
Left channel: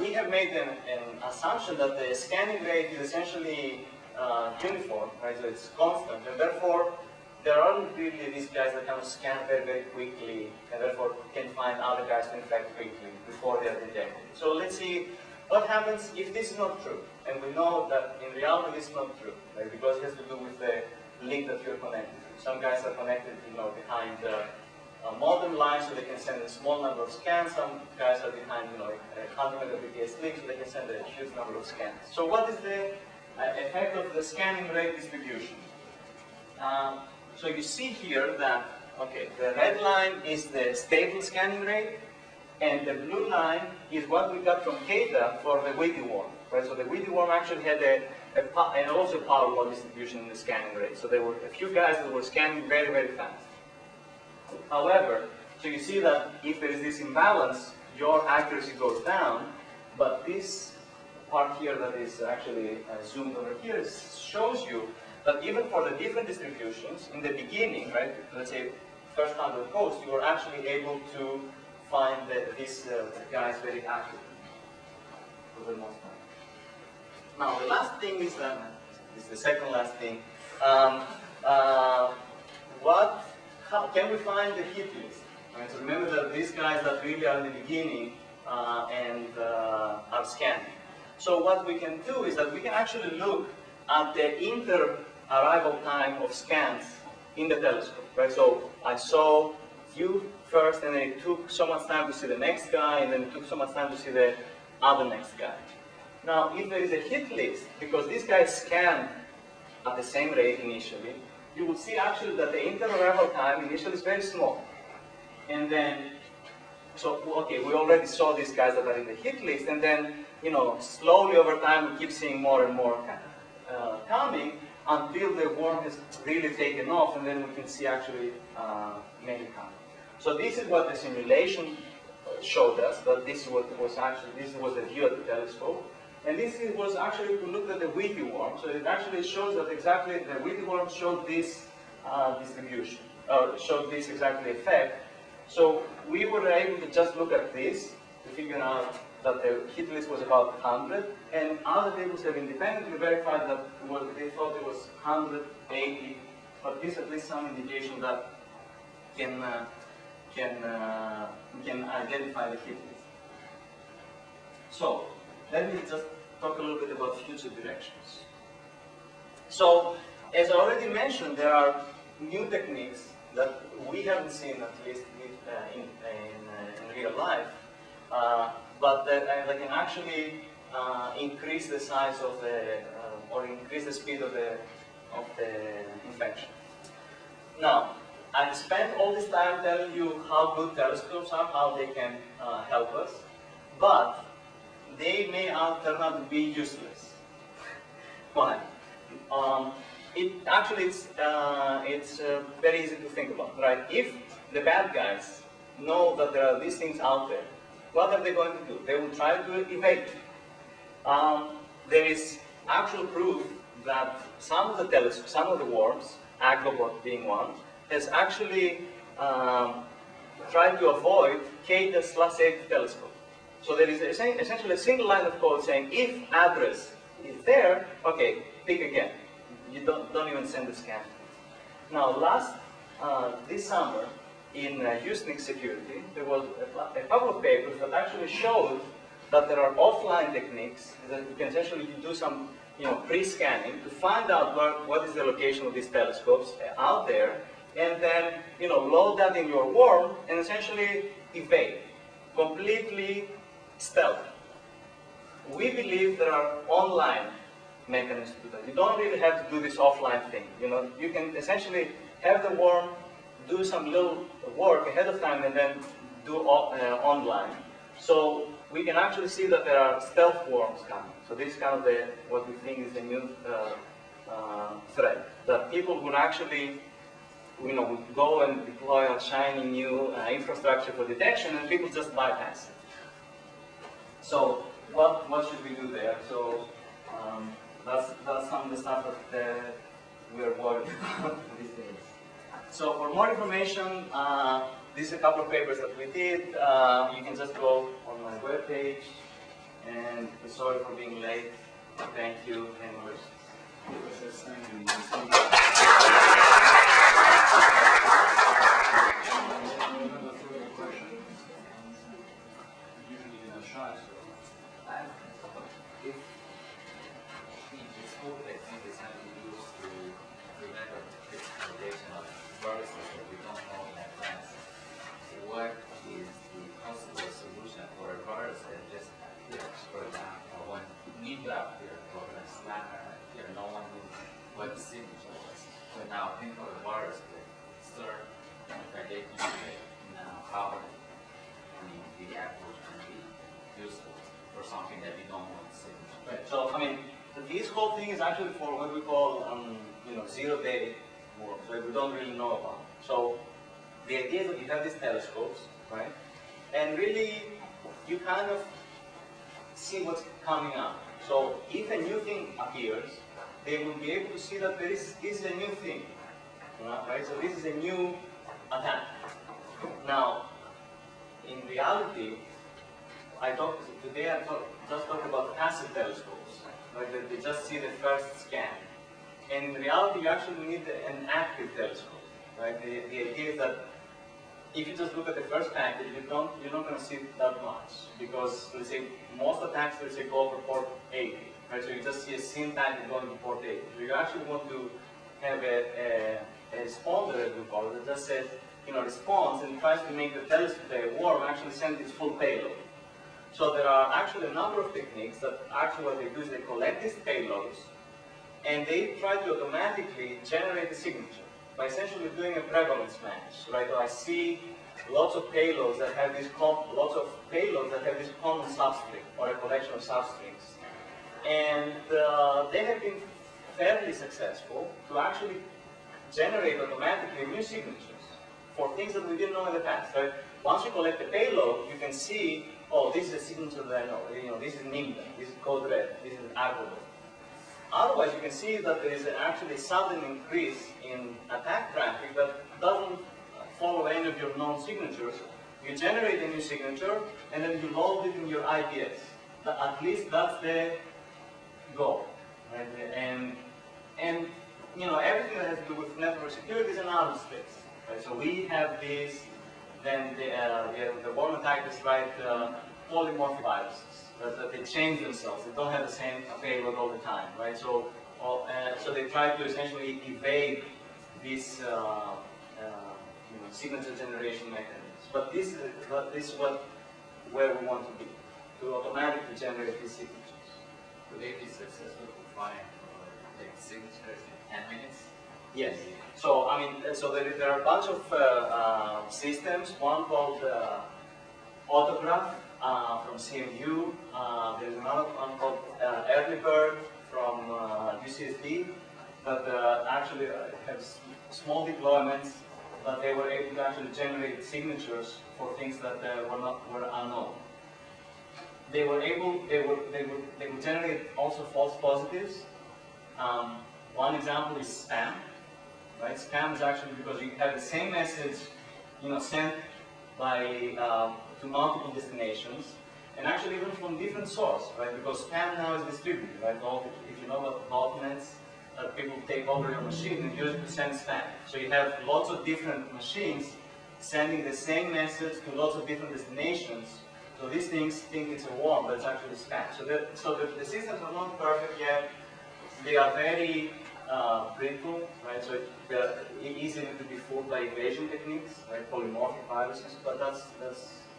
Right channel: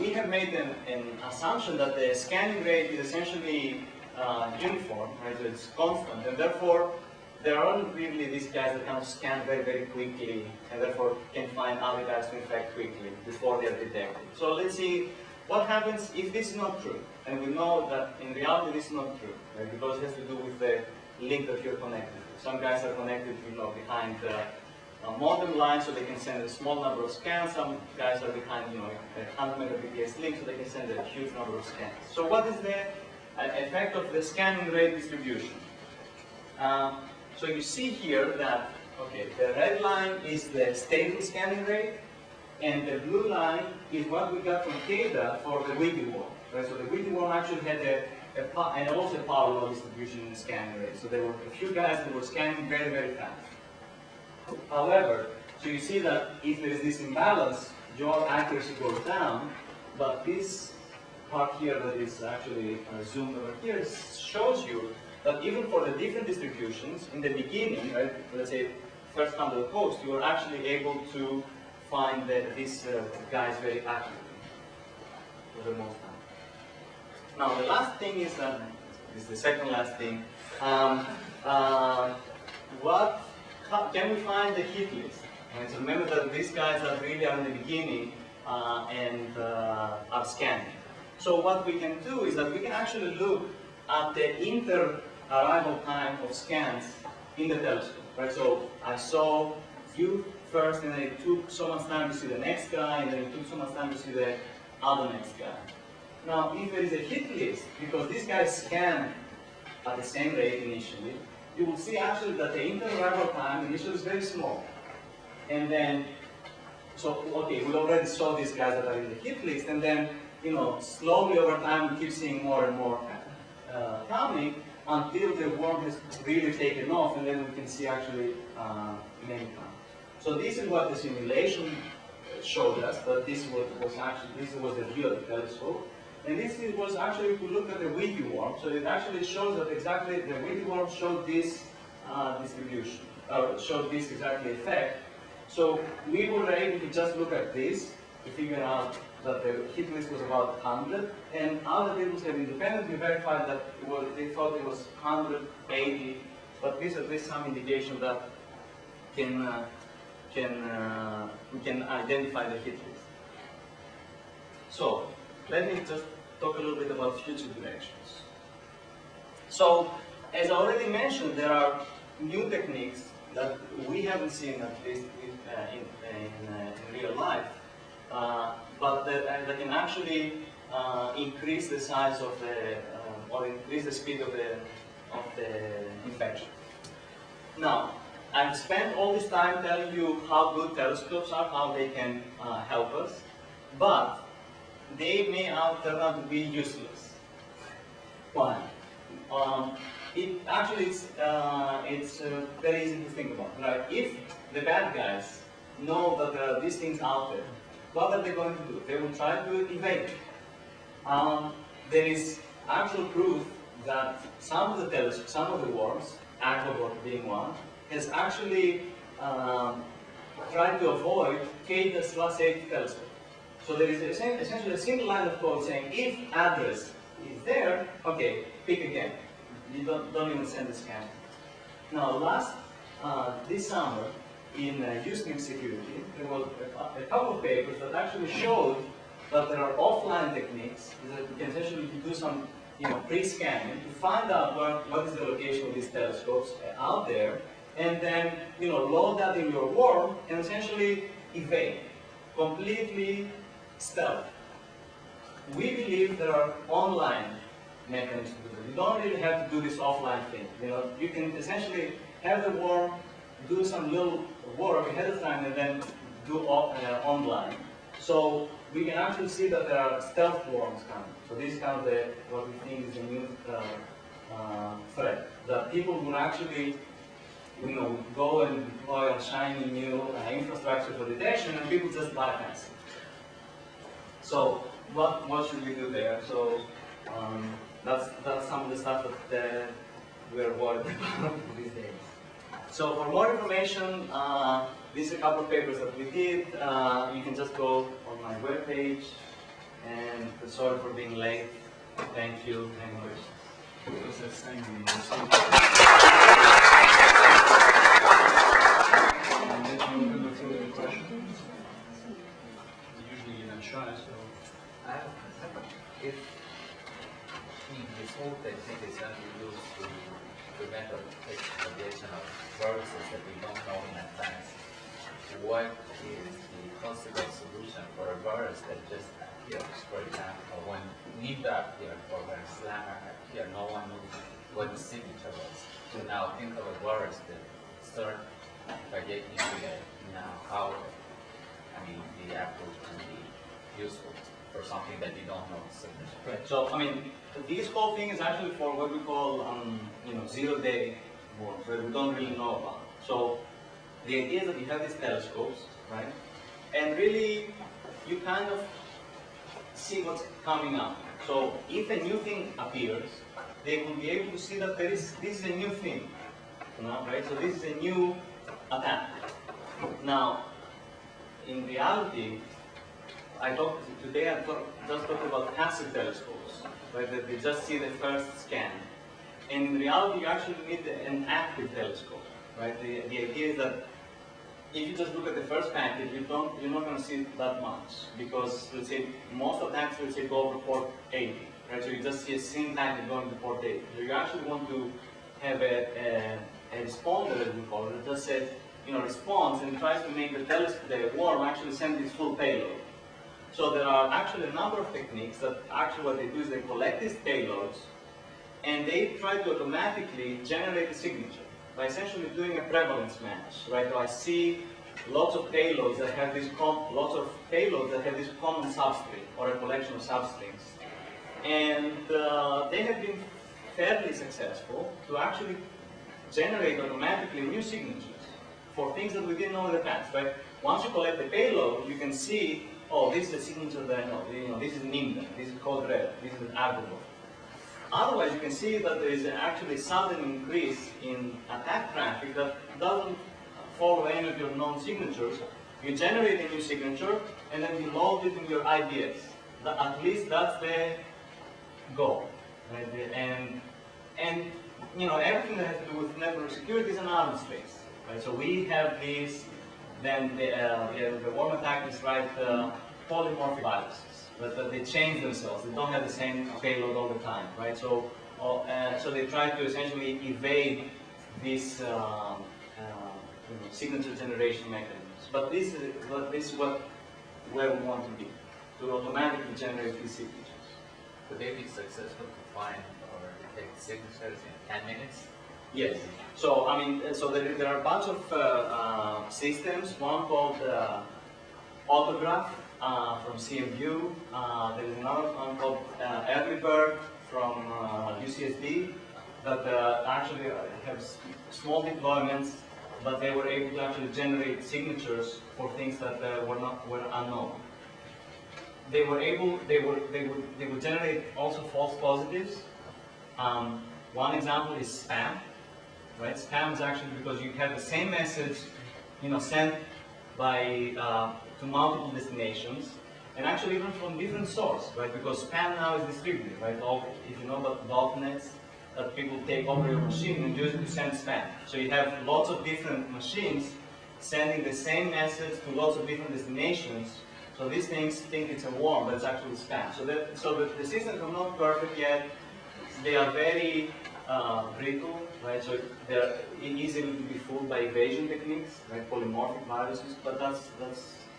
we have made an assumption that the scanning rate is essentially uniform, right? So it's constant, and therefore there aren't really these guys that kind of scan very, very quickly, and therefore can find other guys to infect quickly before they are detected. So let's see what happens if this is not true. And we know that in reality this is not true, right? Because it has to do with the link that you're connected to. Some guys are connected, behind modem line, so they can send a small number of scans. Some guys are behind, a 100 Mbps link, so they can send a huge number of scans. So what is the effect of the scanning rate distribution? So you see here that, okay, the red line is the stable scanning rate, and the blue line is what we got from CADA for the Whitty worm, right? So the Whitty worm actually had and also power law distribution in the scanning rate. So there were a few guys that were scanning very, very fast. However, so you see that if there is this imbalance, your accuracy goes down, but this part here that is actually zoomed over here shows you that even for the different distributions, in the beginning, right, let's say first 100 posts, you are actually able to find these guys very accurately for the most time. Now, the last thing is, this is the second last thing, how can we find the hit list? Right, so remember that these guys that really are in the beginning and are scanning. So what we can do is that we can actually look at the inter-arrival time of scans in the telescope, right? So I saw you first, and then it took so much time to see the next guy, and then it took so much time to see the other next guy. Now, if there is a hit list, because these guys scan at the same rate initially, you will see actually that the inter-arrival time initially is very small. And then, so, okay, we already saw these guys that are in the hit list, and then, you know, slowly over time we keep seeing more and more coming until the worm has really taken off, and then we can see actually many coming. So this is what the simulation showed us, that this was the view at the telescope. And this was actually, if we looked at the wheaty worm, so it actually shows that exactly the wheaty worm showed this distribution, or showed this exactly effect. So we were able to just look at this to figure out that the hit list was about 100, and other tables have independently verified that they thought it was 180, but this is at least some indication that we can identify the hit list. So let me just talk a little bit about future directions. So, as I already mentioned, there are new techniques that we haven't seen, at least in real life, but that can actually increase the size of or increase the speed of the infection. Now, I've spent all this time telling you how good telescopes are, how they can help us, but they may turn out to be useless. Why? It's very easy to think about, right? If the bad guys know that there are these things out there, what are they going to do? They will try to evade. There is actual proof that some of the worms, Agrobot being one, has actually tried to avoid K/8 telescope. So there is essentially a single line of code saying, if address is there, okay, pick again. You don't even send the scan. Now, this summer, in Usenix security, there was a couple of papers that actually showed that there are offline techniques that you can essentially do some pre-scanning to find out what is the location of these telescopes out there, and then load that in your worm and essentially evade completely. Stealth. We believe there are online mechanisms to do that. You don't really have to do this offline thing. You can essentially have the worm do some little work ahead of time and then do online. So we can actually see that there are stealth worms coming. So this is kind of what we think is the new threat, that people would actually go and deploy a shiny new infrastructure for detection, and people just bypass it. So what should we do there? So that's some of the stuff that we're worried about these days. So for more information, these are a couple of papers that we did. You can just go on my webpage. And sorry for being late. Thank you. Any questions? Usually you're not shy, so. If this whole technique is going to be used to prevent propagation of viruses that we don't know in advance, what is the possible solution for a virus that just appears? For example, when Nida appeared or when Slammer appeared, no one knew what the signature was. So now think of a virus that starts propagating today. Now, how the approach can be useful for something that you don't know the signature. Right. So this whole thing is actually for what we call zero-day worms that we don't really know about. So the idea is that you have these telescopes, right? And really, you kind of see what's coming up. So if a new thing appears, they will be able to see that this is a new thing, right? So this is a new attack. Now, in reality, today I just talked about passive telescopes, right? That they just see the first scan. And in reality, you actually need an active telescope, right? The idea is that if you just look at the first packet, you're not going to see that much, because let's say most attacks, let's say, go over port 80, right? So you just see a SYN packet going to port 80. So you actually want to have a responder, as we call it, that just says, responds and tries to make the worm actually send its full payload. So there are actually a number of techniques that actually what they do is they collect these payloads and they try to automatically generate a signature by essentially doing a prevalence match, right? So I see lots of payloads that have this common substring or a collection of substrings, and they have been fairly successful to actually generate automatically new signatures for things that we didn't know in the past, right? Once you collect the payload, you can see, oh, this is a signature that I know. This is Nimda, this is code red, this is Agobot. Otherwise, you can see that there is actually a sudden increase in attack traffic that doesn't follow any of your known signatures. You generate a new signature, and then you load it in your IDS. At least that's the goal, right? And everything that has to do with network security is an arms race, right? So we have this. Then the worm attackers write polymorphic viruses. But they change themselves. They don't have the same payload all the time, right? So they try to essentially evade these signature generation mechanisms. But this is where we want to be, to automatically generate these signatures. Would they be successful to find or detect signatures in 10 minutes? Yes. So there are a bunch of systems. One called Autograph from CMU. There is another one called Early Bird from UCSD that actually have small deployments, but they were able to actually generate signatures for things that were unknown. They would generate also false positives. One example is spam. Right? Spam is actually because you have the same message, sent by to multiple destinations, and actually even from different sources, right? Because spam now is distributed, right? If you know about botnets, that people take over your machine and use it to send spam. So you have lots of different machines sending the same message to lots of different destinations. So these things think it's a worm, but it's actually spam. So the systems are not perfect yet. They are very brittle, right? So they're easily to be fooled by evasion techniques, right? Polymorphic viruses, but that's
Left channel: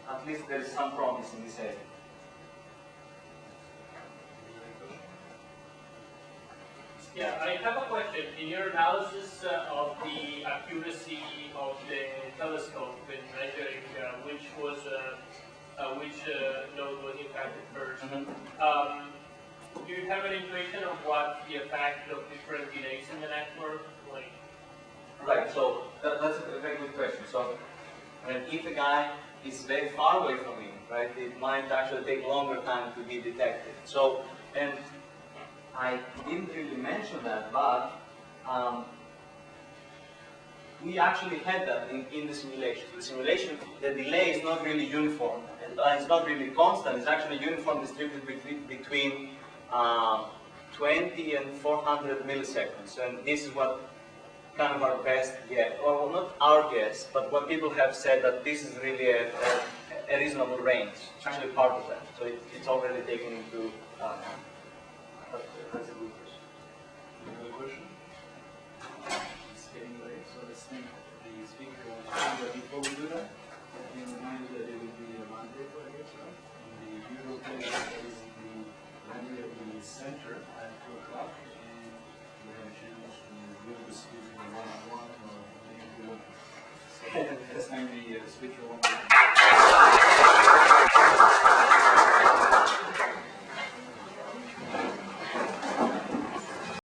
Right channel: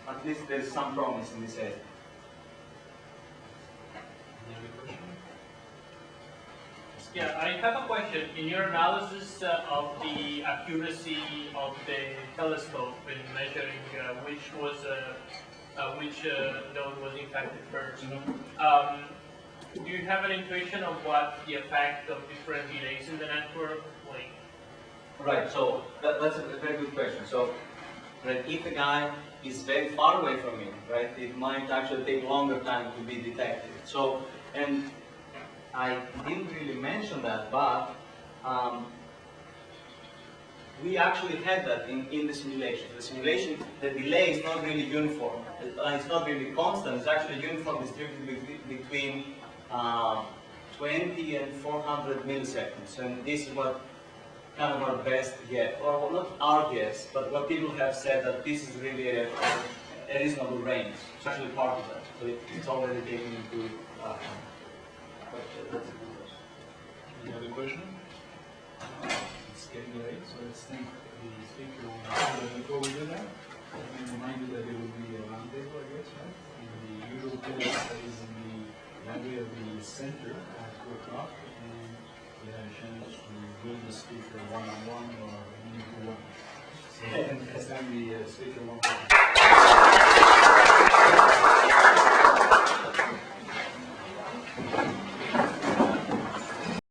at least there is some promise in this area. Any other question? Yeah, I have a question. In your analysis of the accuracy of the telescope in measuring which node was impacted first, do you have an intuition of what the effect of different delays in the network, like? Right, so that's a very good question. So, right, if a guy is very far away from you, right, it might actually take longer time to be detected. So, and I didn't really mention that, but we actually had that in the simulation. The simulation, the delay is not really uniform. It's not really constant. It's actually uniform distributed between 20 and 400 milliseconds. And this is what kind of our best guess, or well, not our guess, but what people have said that this is really a reasonable range. It's actually part of that. So it's already taken into account. But that's a good question. Any other question? It's getting late, so let's thank the speaker one. Before we do that, let me remind you that there will be a roundtable, I guess, right? In the usual place that is in the library of the center at 2 o'clock, and you have a chance to meet the speaker one-on-one or many-to-one. So let's thank the speaker one.